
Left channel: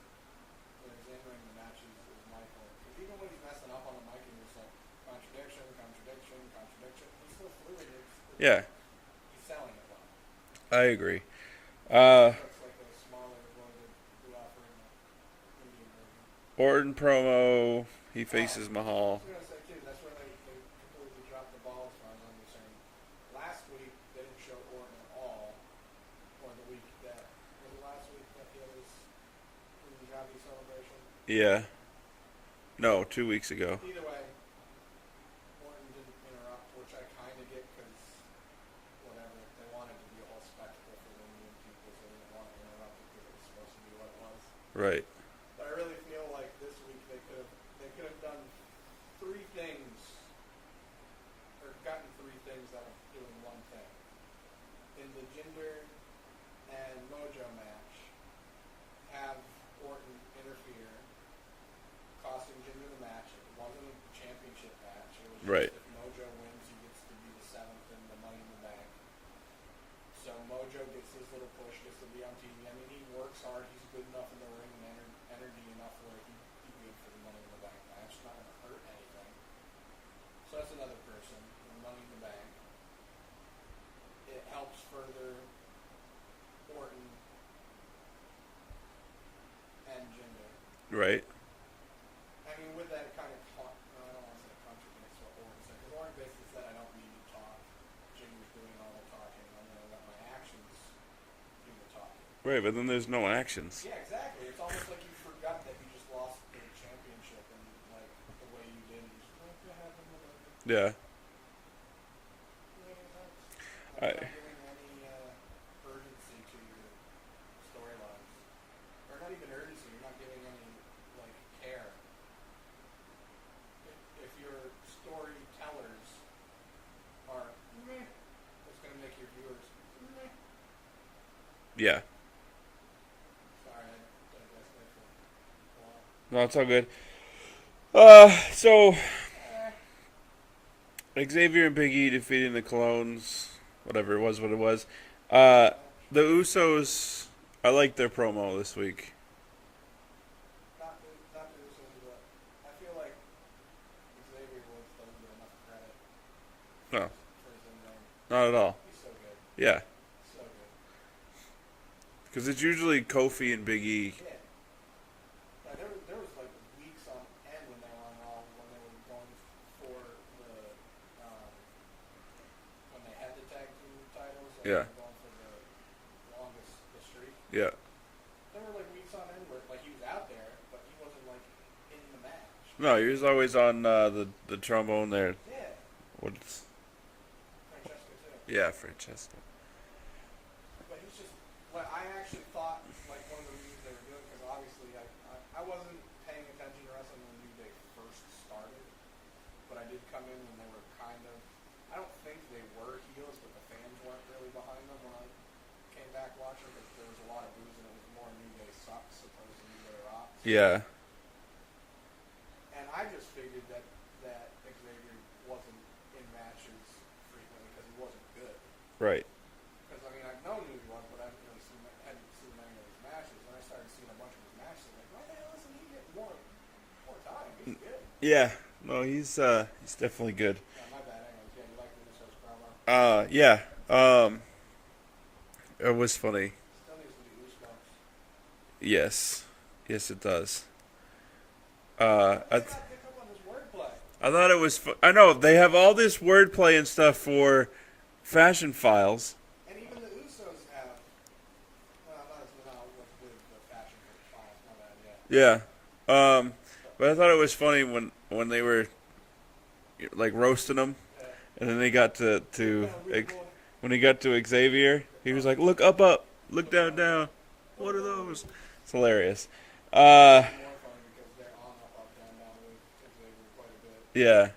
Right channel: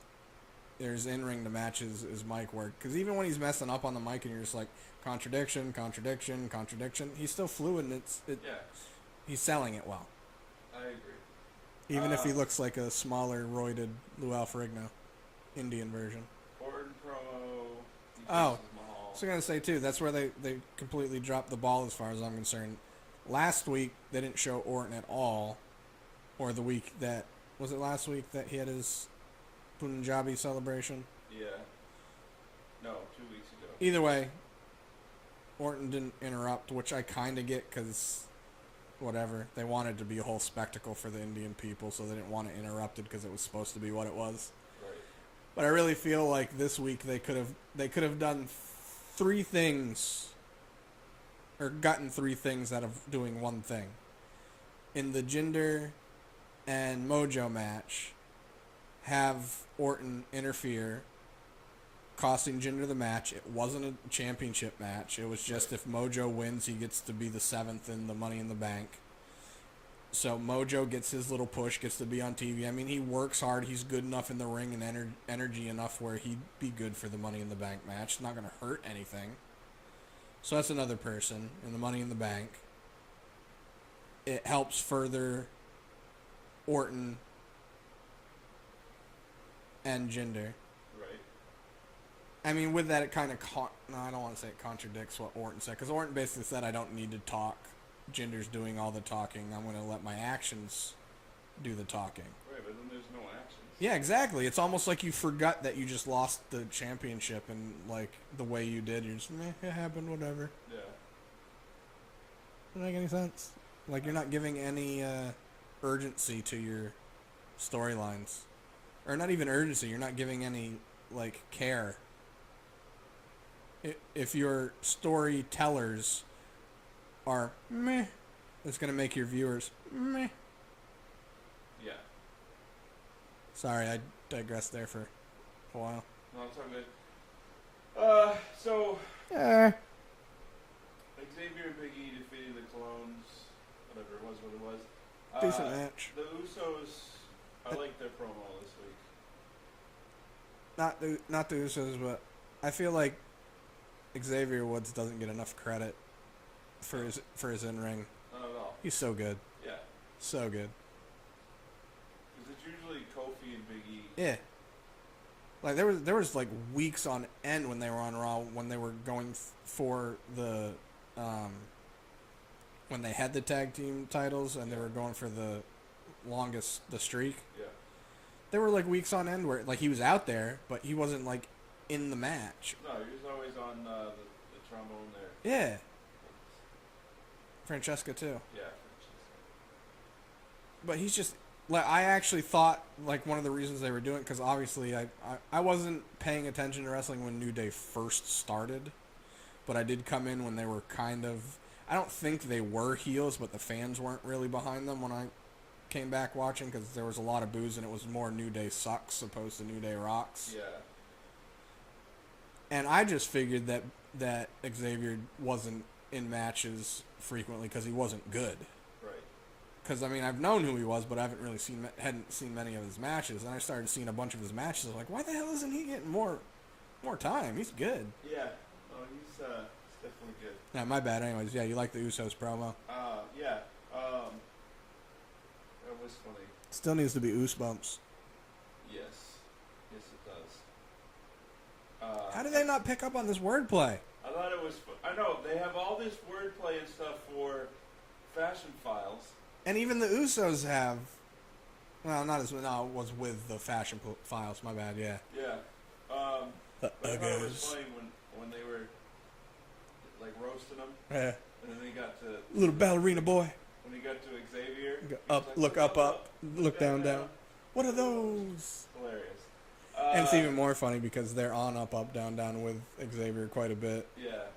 in-ring to match his mic work. Because even when he's messing up on the mic and you're just like, contradiction, he's still fluid and yeah. he's selling it well. I agree. Even if he looks like a smaller, roided Lou Ferrigno, Indian version. Orton promo. He faces I Mahal. was going to say, too, that's where they completely dropped the ball as far as I'm concerned. Last week, they didn't show Orton at all. Or the week that... Was it last week that he had his Punjabi celebration? Yeah. No, 2 weeks ago. Either way, Orton didn't interrupt, which I kind of get because... Whatever. They wanted to be a whole spectacle for the Indian people, so they didn't want it interrupted because it was supposed to be what it was. Right. But I really feel like this week they could have done 3 things, or gotten 3 things out of doing one thing. In the Jinder and Mojo match, have Orton interfere, costing Jinder the match. It wasn't a championship match. It was just if Mojo wins, he gets to be the 7th in the Money in the Bank. So Mojo gets his little push, gets to be on TV. I mean, he works hard. He's good enough in the ring and energy enough where he'd be good for the Money in the Bank match. It's not going to hurt anything. So that's another person in the Money in the Bank. It helps further Orton and Jinder. Right. I mean, with that, it kind of... No, I don't want to say it contradicts what Orton said. Because Orton basically said, I don't need to talk. Jinder's doing all the talking. I'm going to let my actions do the talking. Right, but then there's no actions. Yeah, exactly. It's almost like you forgot that you just lost the championship and, like, the way you did. You're just, it happened, whatever. Yeah. Doesn't make any sense. Like, you're not giving any urgency to your storylines. Or not even urgency. You're not giving any, like, care. If your storytellers are meh, it's going to make your viewers meh. Yeah. Sorry, I digressed there for a while. No, it's all good. So Xavier and Big E defeating the Clones. Whatever it was, what it was. The Usos, I like their promo this week. Not the Usos, but I feel like Xavier Woods doesn't get enough credit for his in-ring. Not at all. He's so good. Yeah. So good. Because it's usually Kofi and Big E. Yeah. Like there was like weeks on end when they were on Raw when they were going for the when they had the tag team titles and they were going for the streak. Yeah. There were like weeks on end where like he was out there, but he wasn't like in the match. No, he was always on the trombone there. Yeah. What's Francesca too. Yeah, Francesca. But he's just like I actually thought like one of the reasons they were doing it because obviously I wasn't paying attention to wrestling when New Day first started, but I did come in when they were kind of I don't think they were heels, but the fans weren't really behind them when I came back watching because there was a lot of boos and it was more New Day sucks opposed to New Day rocks. Yeah. And I just figured that Xavier wasn't in matches frequently because he wasn't good. Right. Because, I mean, I've known who he was, but I hadn't seen many of his matches. And I started seeing a bunch of his matches. I was like, why the hell isn't he getting more time? He's good. Yeah. No, he's definitely good. Yeah, my bad. Anyways, yeah, you like the Usos promo? Yeah. It was funny. Still needs to be Oosebumps. Yes. Yes, it does. How did they not pick up on this wordplay? I thought it was... I know, they have all this wordplay and stuff for Fashion Files. And even the Usos have... Well, not as... No, it was with the Fashion Files. My bad, yeah. Yeah. But I thought it was funny when they were, like, roasting him. Yeah. And then they got to Little ballerina boy. When he got to Xavier, he was like, look up. Look down. What are those? It's hilarious. It's even more funny because they're on up, down with Xavier quite a bit. Yeah.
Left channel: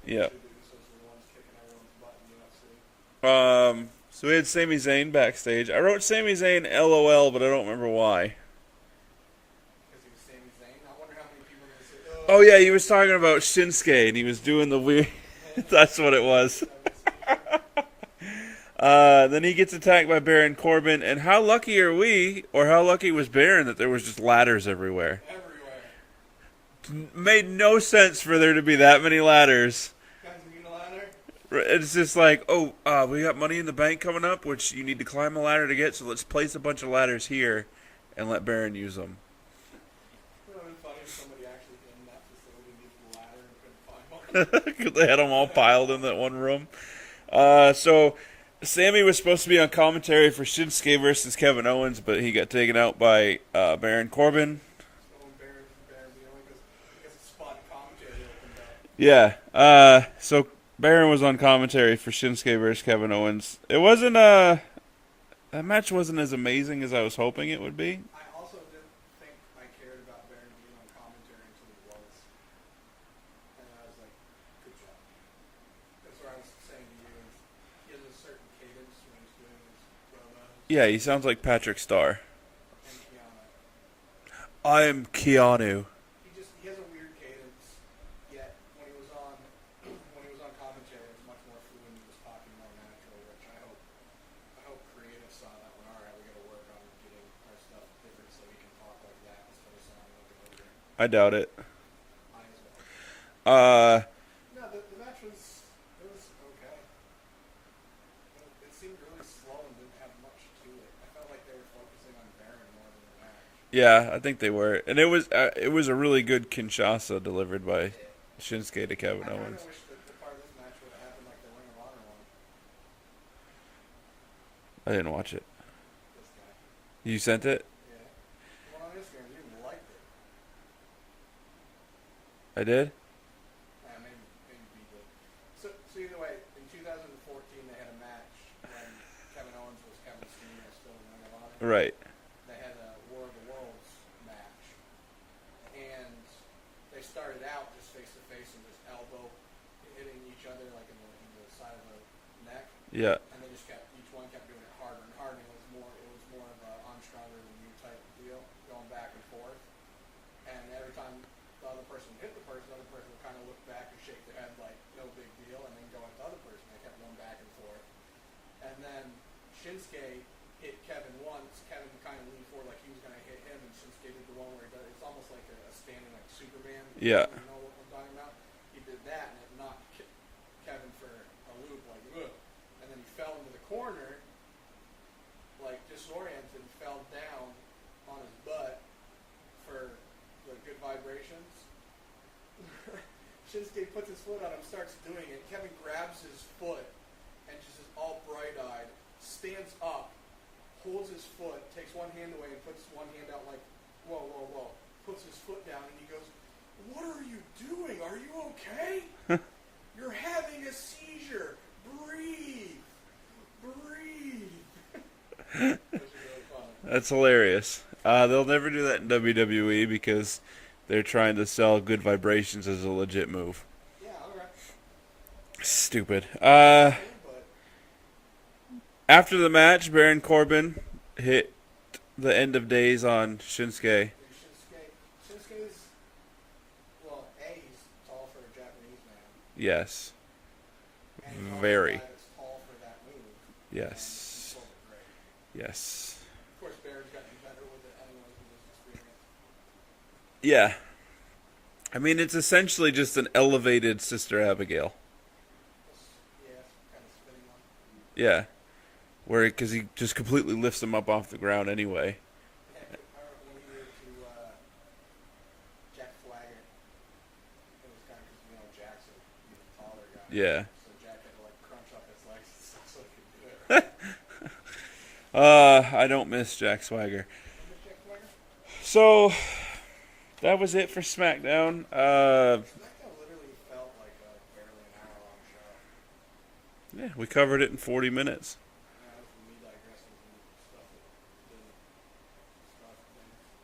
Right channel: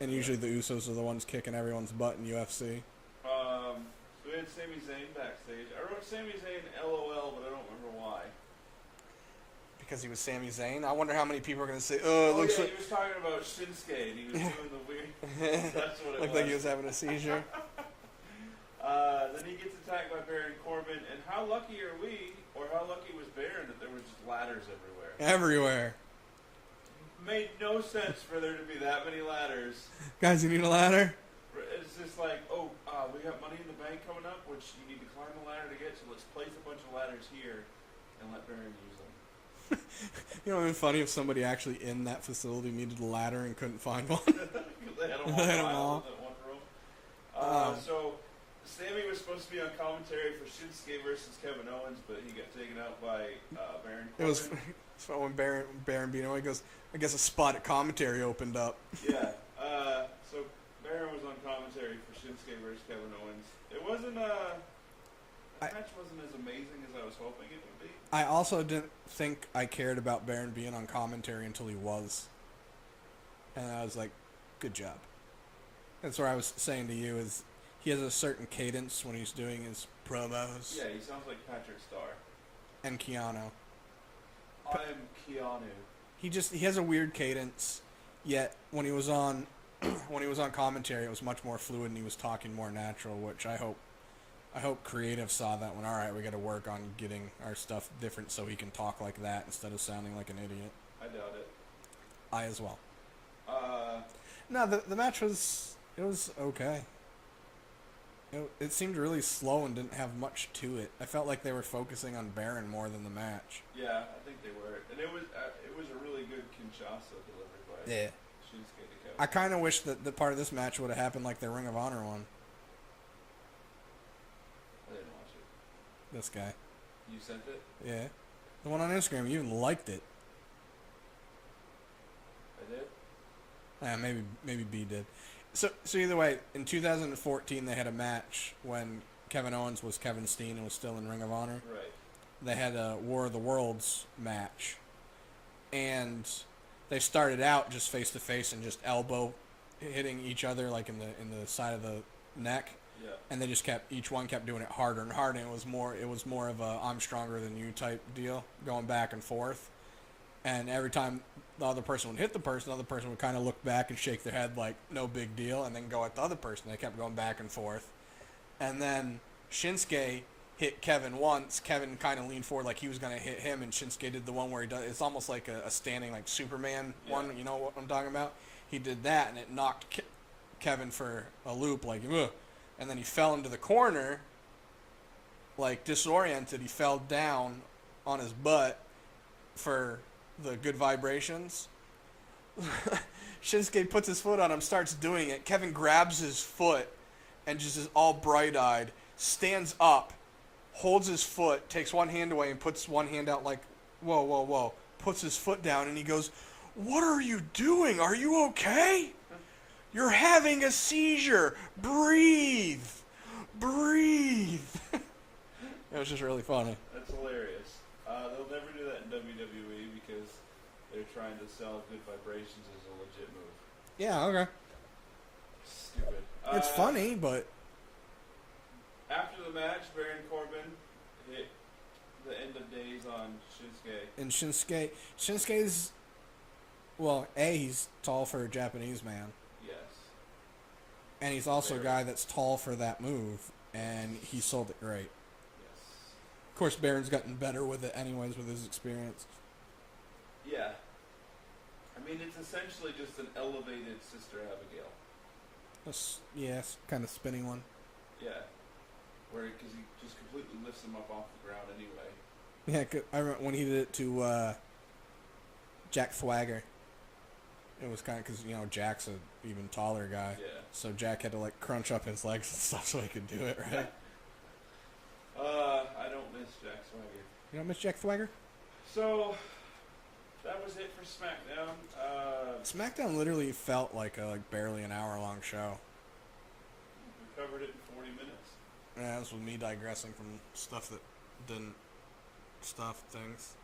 And usually the Usos are the ones kicking everyone's butt in UFC. So we had Sami Zayn backstage. I wrote Sami Zayn LOL, but I don't remember why. Because he was Sami Zayn? I wonder how many people are going to say, oh, yeah, he was talking about Shinsuke, and he was doing the weird... That's what it was. He was having a seizure. Then he gets attacked by Baron Corbin, and how lucky are we, or how lucky was Baron, that there was just ladders everywhere? Everywhere. Made no sense for there to be that many ladders. Guys, you need a ladder? It's just like, oh, we got Money in the Bank coming up, which you need to climb a ladder to get. So let's place a bunch of ladders here, and let Baron use them. You know, it'd been funny if somebody actually in that facility needed a ladder and couldn't find one. They had them all piled in that one room. So Sammy was supposed to be on commentary for Shinsuke versus Kevin Owens, but he got taken out by Baron Corbin. So when Baron beat him, he goes, I guess a spot at commentary opened up. Yeah. So Baron was on commentary for Shinsuke versus Kevin Owens. It wasn't that match wasn't as amazing as I was hoping it would be. I also didn't think I cared about Baron being on commentary until he was. And I was like, good job. That's where I was saying to you is he has a certain cadence when he's doing his promos. Yeah, he sounds like Patrick Starr. And Keanu. I am Keanu. He has a weird cadence, yet when he was on commentary it was much more fluid and he was talking more natural, which I hope creative saw that one. All right, we got to work on getting our stuff different so he can talk like that instead of sounding like an idiot. I doubt it. I as well. No, the match was okay. It seemed really slow and didn't have much to it. I felt like they were focusing on Baron more than the match. Yeah, I think they were, and it was a really good Kinshasa delivered by Shinsuke to Kevin. I kind of Owens. wish that the part of this match would have happened like the Ring of Honor one. I didn't watch it. This guy. You sent it? Yeah. The one on Instagram, you even liked it. I did? Yeah, maybe B did. So either way, in 2014 they had a match when Kevin Owens was Kevin Steen and was still in Ring of Honor. Right. They had a War of the Worlds match. And they started out just face to face and just elbow hitting each other like in the side of the neck. Yeah. And they just each one kept doing it harder and harder, and it was more of a I'm stronger than you type deal, going back and forth. And every time the other person would hit the other person would kind of look back and shake their head like no big deal, and then go at the other person. They kept going back and forth. And then Shinsuke hit Kevin once. Kevin kind of leaned forward like he was going to hit him, and Shinsuke did the one where he does. It's almost like a standing like Superman. Yeah. One, you know what I'm talking about? He did that, and it knocked Kevin for a loop, like ugh. And then he fell into the corner, like disoriented. He fell down on his butt for the good vibrations. Shinsuke puts his foot on him, starts doing it. Kevin grabs his foot and just is all bright-eyed, stands up, holds his foot, takes one hand away and puts one hand out like, whoa, whoa, whoa, puts his foot down, and he goes, "What are you doing? Are you okay? You're having a seizure. Breathe. Breathe." It was just really funny. That's hilarious. They'll never do that in WWE because they're trying to sell good vibrations as a legit move. Yeah, okay. Stupid. It's funny, but... After the match, Baron Corbin hit the end of days on Shinsuke. And Shinsuke's... Well, he's tall for a Japanese man. Yes. And he's also a guy that's tall for that move. Yes. And he sold it great. Yes. Of course, Baron's gotten better with it anyways with his experience. Yeah. I mean, it's essentially just an elevated Sister Abigail. Yes, kind of spinning one. Yeah. Because he just completely lifts him up off the ground anyway. Yeah, I remember when he did it to Jack Swagger. It was kind of because, Jack's an even taller guy. Yeah. So Jack had to, crunch up his legs and stuff so he could do it, right? I don't miss Jack Swagger. You don't miss Jack Swagger? So, that was it for SmackDown. SmackDown literally felt like barely an hour-long show. Yeah, we covered it in 40 minutes. Yeah, this was me digressing from stuff that didn't stuff things.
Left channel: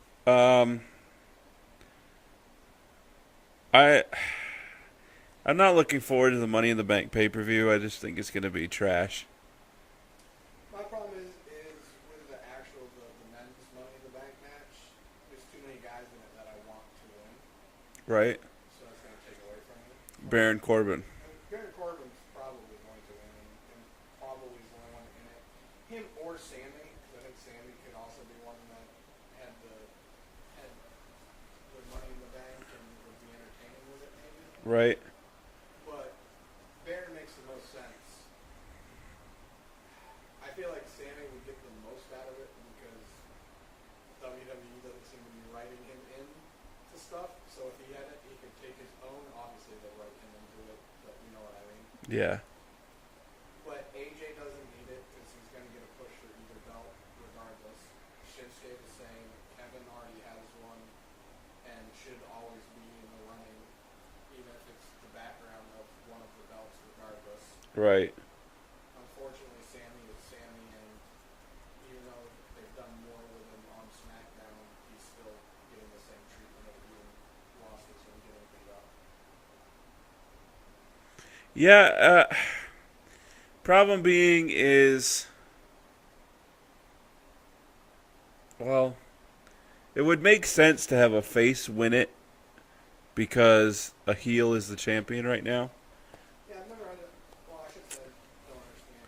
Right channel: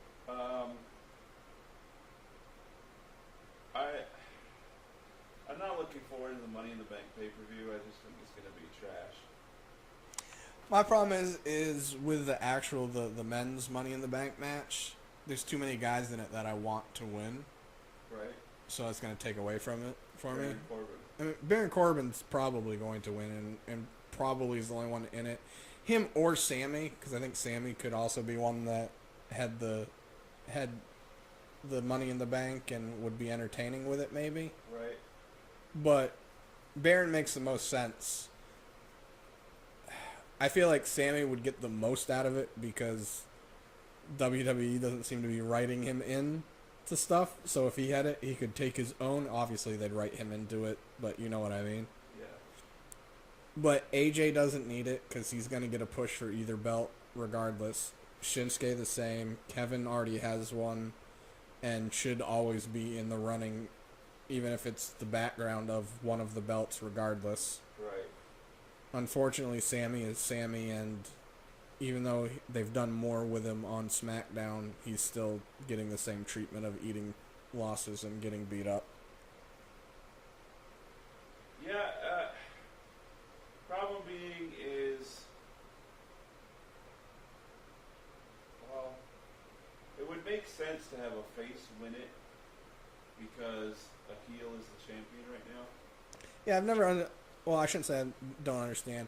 I'm not looking forward to the Money in the Bank pay-per-view. I just think it's going to be trash. My problem is with the actual the men's Money in the Bank match. There's too many guys in it that I want to win. Right? So it's going to take away from it. Baron Corbin. I mean, Baron Corbin's probably going to win, and probably is the only one in it. Him or Sammy, because I think Sammy could also be one that had the Money in the Bank and would be entertaining with it, maybe. Right. But Baron makes the most sense. I feel like Sammy would get the most out of it because WWE doesn't seem to be writing him in to stuff. So if he had it, he could take his own. Obviously, they'd write him into it, but you know what I mean. Yeah. But AJ doesn't need it because he's going to get a push for either belt regardless. Shinsuke the same. Kevin already has one and should always be in the running, even if it's the background of one of the belts regardless. Right. Unfortunately, Sammy is Sammy, and even though they've done more with him on SmackDown, he's still getting the same treatment of eating losses and getting beat up. Yeah, problem being is, well, it would make sense to have a face win it because a heel is the champion right now. Yeah, I've never... Well, I shouldn't say I don't understand.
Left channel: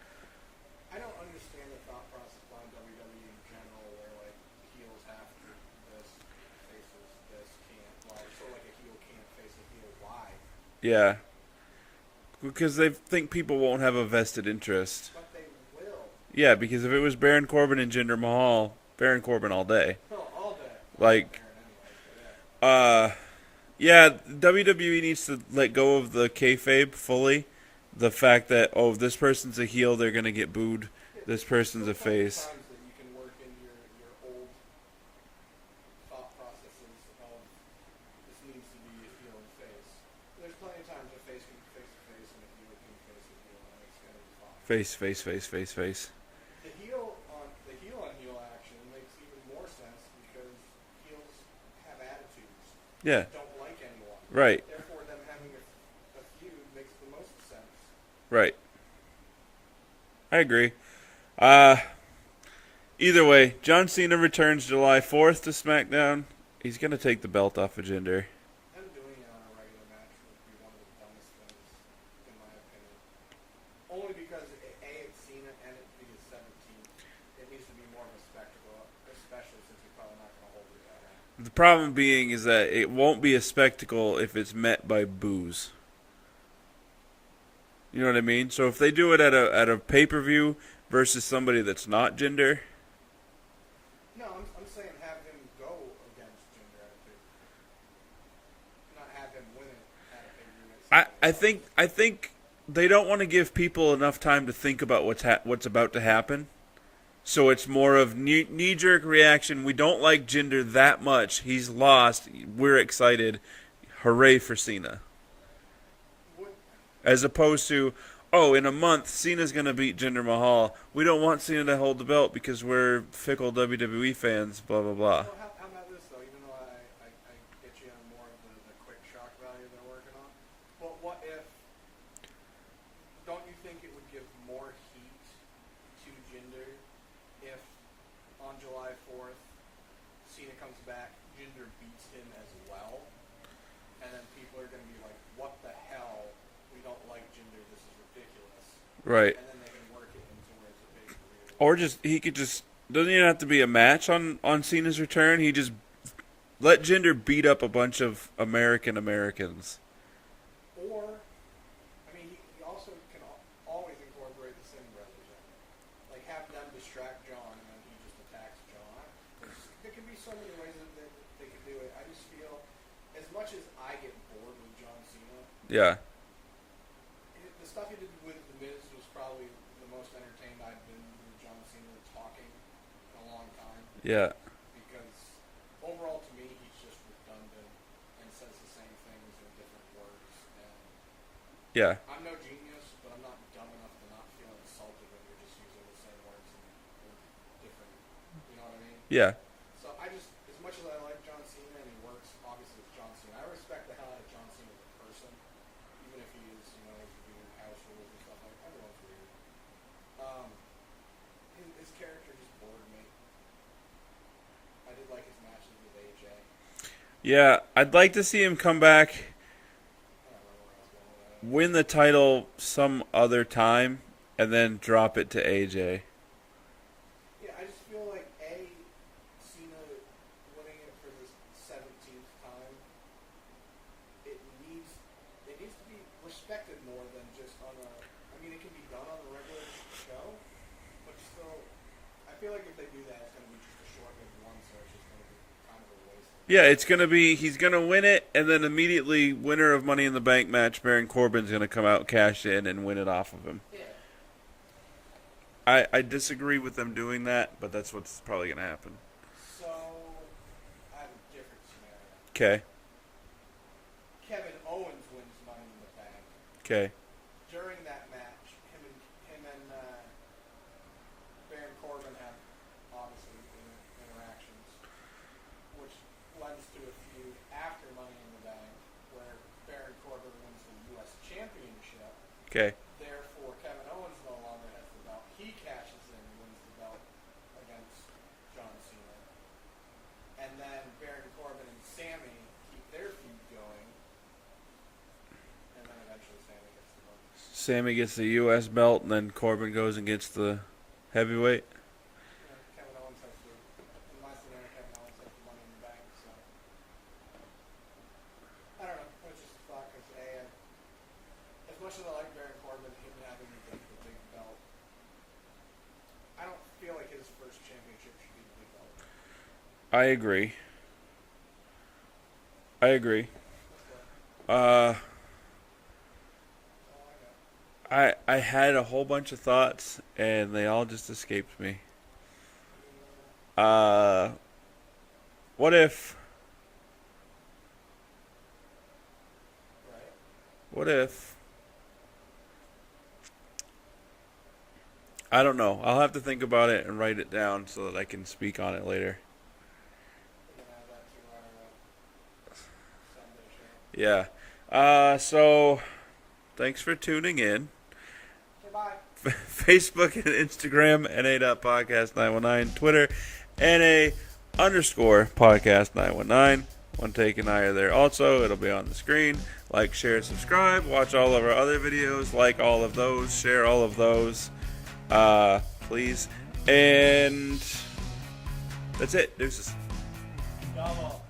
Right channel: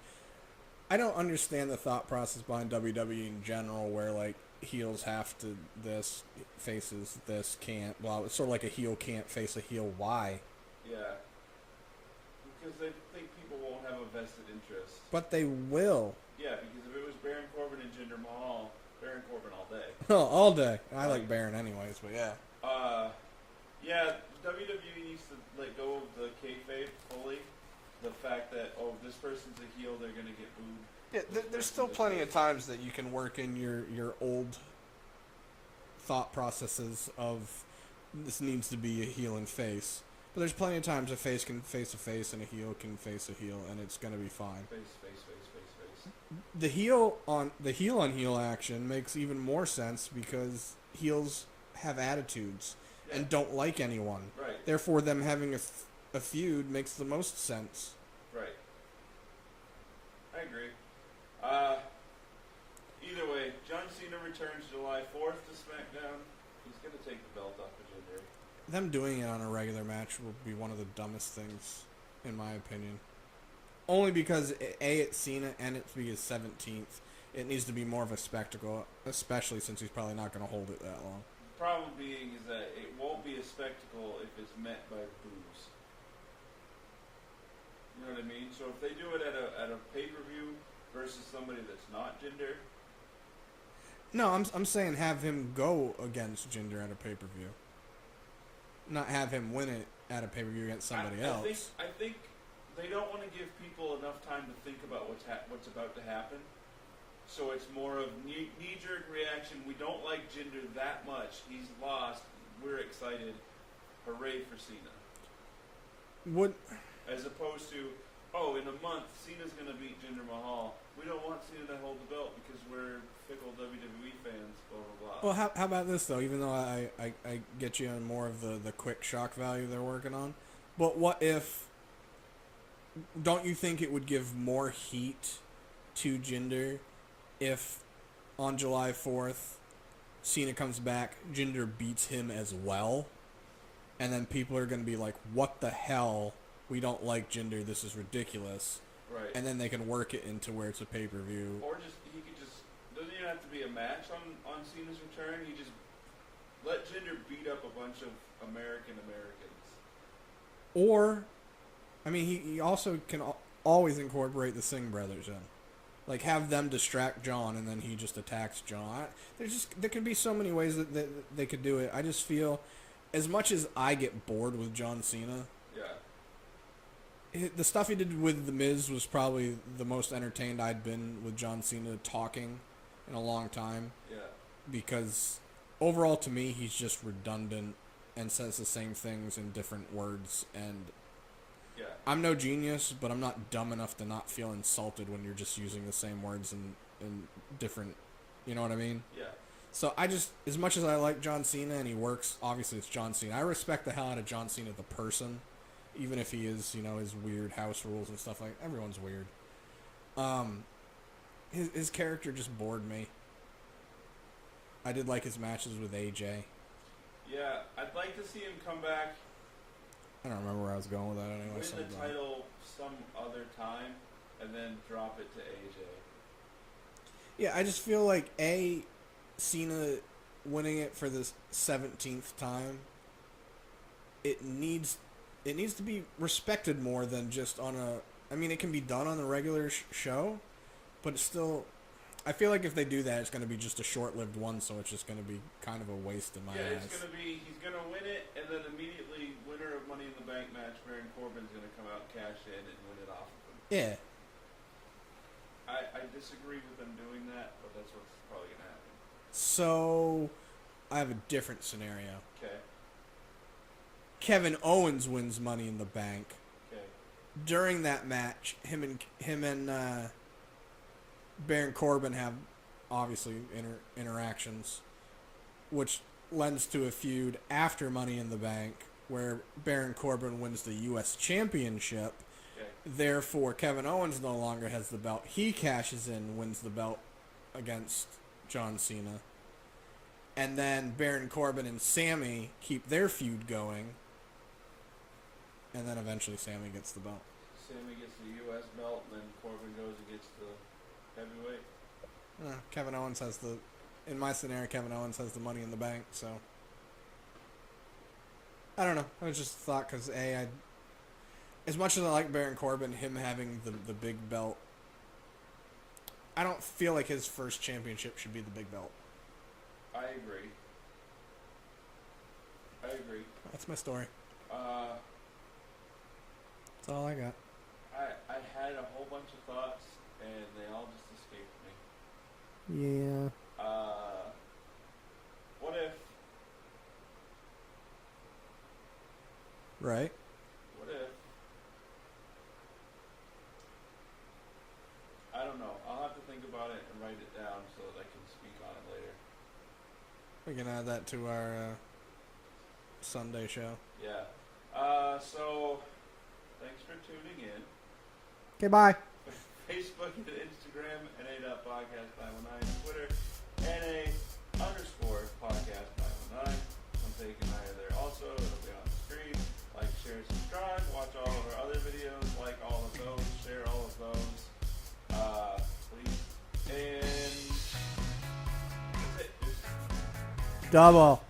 I don't understand the thought process behind WWE in general, where like heels have to this, faces this can't. Blah. It's sort of like a heel can't face a heel. Why? Yeah. Because they think people won't have a vested interest. But they will. Yeah, because if it was Baron Corbin and Jinder Mahal, Baron Corbin all day. Oh, all day. I like Baron anyways, but yeah. Yeah, WWE needs to let go of the kayfabe fully. The fact that, oh, if this person's a heel, they're going to get booed. Yeah, This person's a face. There's still times that you can work in your old thought processes of this needs to be a heel and face. But there's plenty of times a face can face a face and a heel can face a heel, and it's going to be fine. Face. The heel on heel action makes even more sense because heels have attitudes. Yeah. And don't like anyone. Right. Therefore, them having a feud makes the most sense. Right. I agree. Either way, John Cena returns July 4th to SmackDown. He's going to take the belt off of Jinder. Them doing it on a regular match would be one of the dumbest things, in my opinion. Only because, A, it's Cena, and it's his 17th. It needs to be more of a spectacle, especially since he's probably not going to hold it that long. The problem being is that it won't be a spectacle if it's met by boos. You know what I mean? So if they do it at a pay-per-view versus somebody that's not Jinder. No, I'm saying have him go against Jinder at a pay-per-view. Not have him win it at a pay-per-view against somebody else. I think they don't want to give people enough time to think about what's about to happen. So it's more of knee-jerk reaction. We don't like Jinder that much. He's lost. We're excited. Hooray for Cena. As opposed to, oh, in a month, Cena's going to beat Jinder Mahal. We don't want Cena to hold the belt because we're fickle WWE fans, blah, blah, blah. Well, how about this, though? Even though I get you on more of the quick shock value they're working on. But what if... Don't you think it would give more heat to Jinder if on July 4th Cena comes back, Jinder beats him as well, and then people are going to be like, what the hell? We don't like Jinder. This is ridiculous. Right. And then they can work it into where it's a pay-per-view. Or he could just, doesn't even have to be a match on Cena's return. He just let Jinder beat up a bunch of Americans. Or, I mean, he also can always incorporate the Singh brothers in. Like, have them distract John, and then he just attacks John. There can be so many ways that they could do it. I just feel, as much as I get bored with John Cena... Yeah. The stuff he did with The Miz was probably the most entertained I'd been with John Cena talking in a long time. Yeah. Because overall, to me, he's just redundant and says the same things in different words. And yeah, I'm no genius, but I'm not dumb enough to not feel insulted when you're just using the same words in different... You know what I mean? Yeah. So I just... As much as I like John Cena and he works, obviously it's John Cena. I respect the hell out of John Cena, the person. Even if he is, his weird house rules and stuff like... Everyone's weird. His character just bored me. I did like his matches with AJ. Yeah, I'd like to see him come back. I don't remember where I was going with that. Anyways. Win the title some other time, and then drop it to AJ. Yeah, I just feel like, Cena winning it for the 17th time, it it needs to be respected more than just on a. I mean, it can be done on a regular show, but it's still. I feel like if they do that, it's going to be just a short-lived one, so it's just going to be kind of a waste of money. Yeah, it's going to be, he's going to win it, and then immediately, winner of Money in the Bank match, Baron Corbin's going to come out, cash in, and win it off of him. Yeah. I disagree with them doing that, but that's what's probably going to happen. So, I have a different scenario. Okay. Kevin Owens wins Money in the Bank. Okay. During that match, him and Baron Corbin have obviously interactions, which lends to a feud after Money in the Bank, where Baron Corbin wins the U.S. Championship. Okay. Therefore, Kevin Owens no longer has the belt. He cashes in, wins the belt against John Cena. And then Baron Corbin and Sammy keep their feud going. And then eventually Sammy gets the belt. Sammy gets the U.S. belt, and then Corbin goes and gets the heavyweight. Kevin Owens has the... In my scenario, Kevin Owens has the Money in the Bank, so... I don't know. I just thought, because as much as I like Baron Corbin, him having the big belt, I don't feel like his first championship should be the big belt. I agree. That's my story. That's all I got. I had a whole bunch of thoughts, and they all just escaped me. Yeah. What if... Right. What if... I don't know. I'll have to think about it and write it down so that I can speak on it later. We can add that to our Sunday show. Yeah. So, thanks for tuning in. Okay, bye. Facebook and Instagram, NA.podcast919. Twitter, NA_podcast919. One Take and I are there also. It'll be on the screen. Like, share, subscribe. Watch all of our other videos. Like all of those. Share all of those. Please. And that's it. Deuces. Double.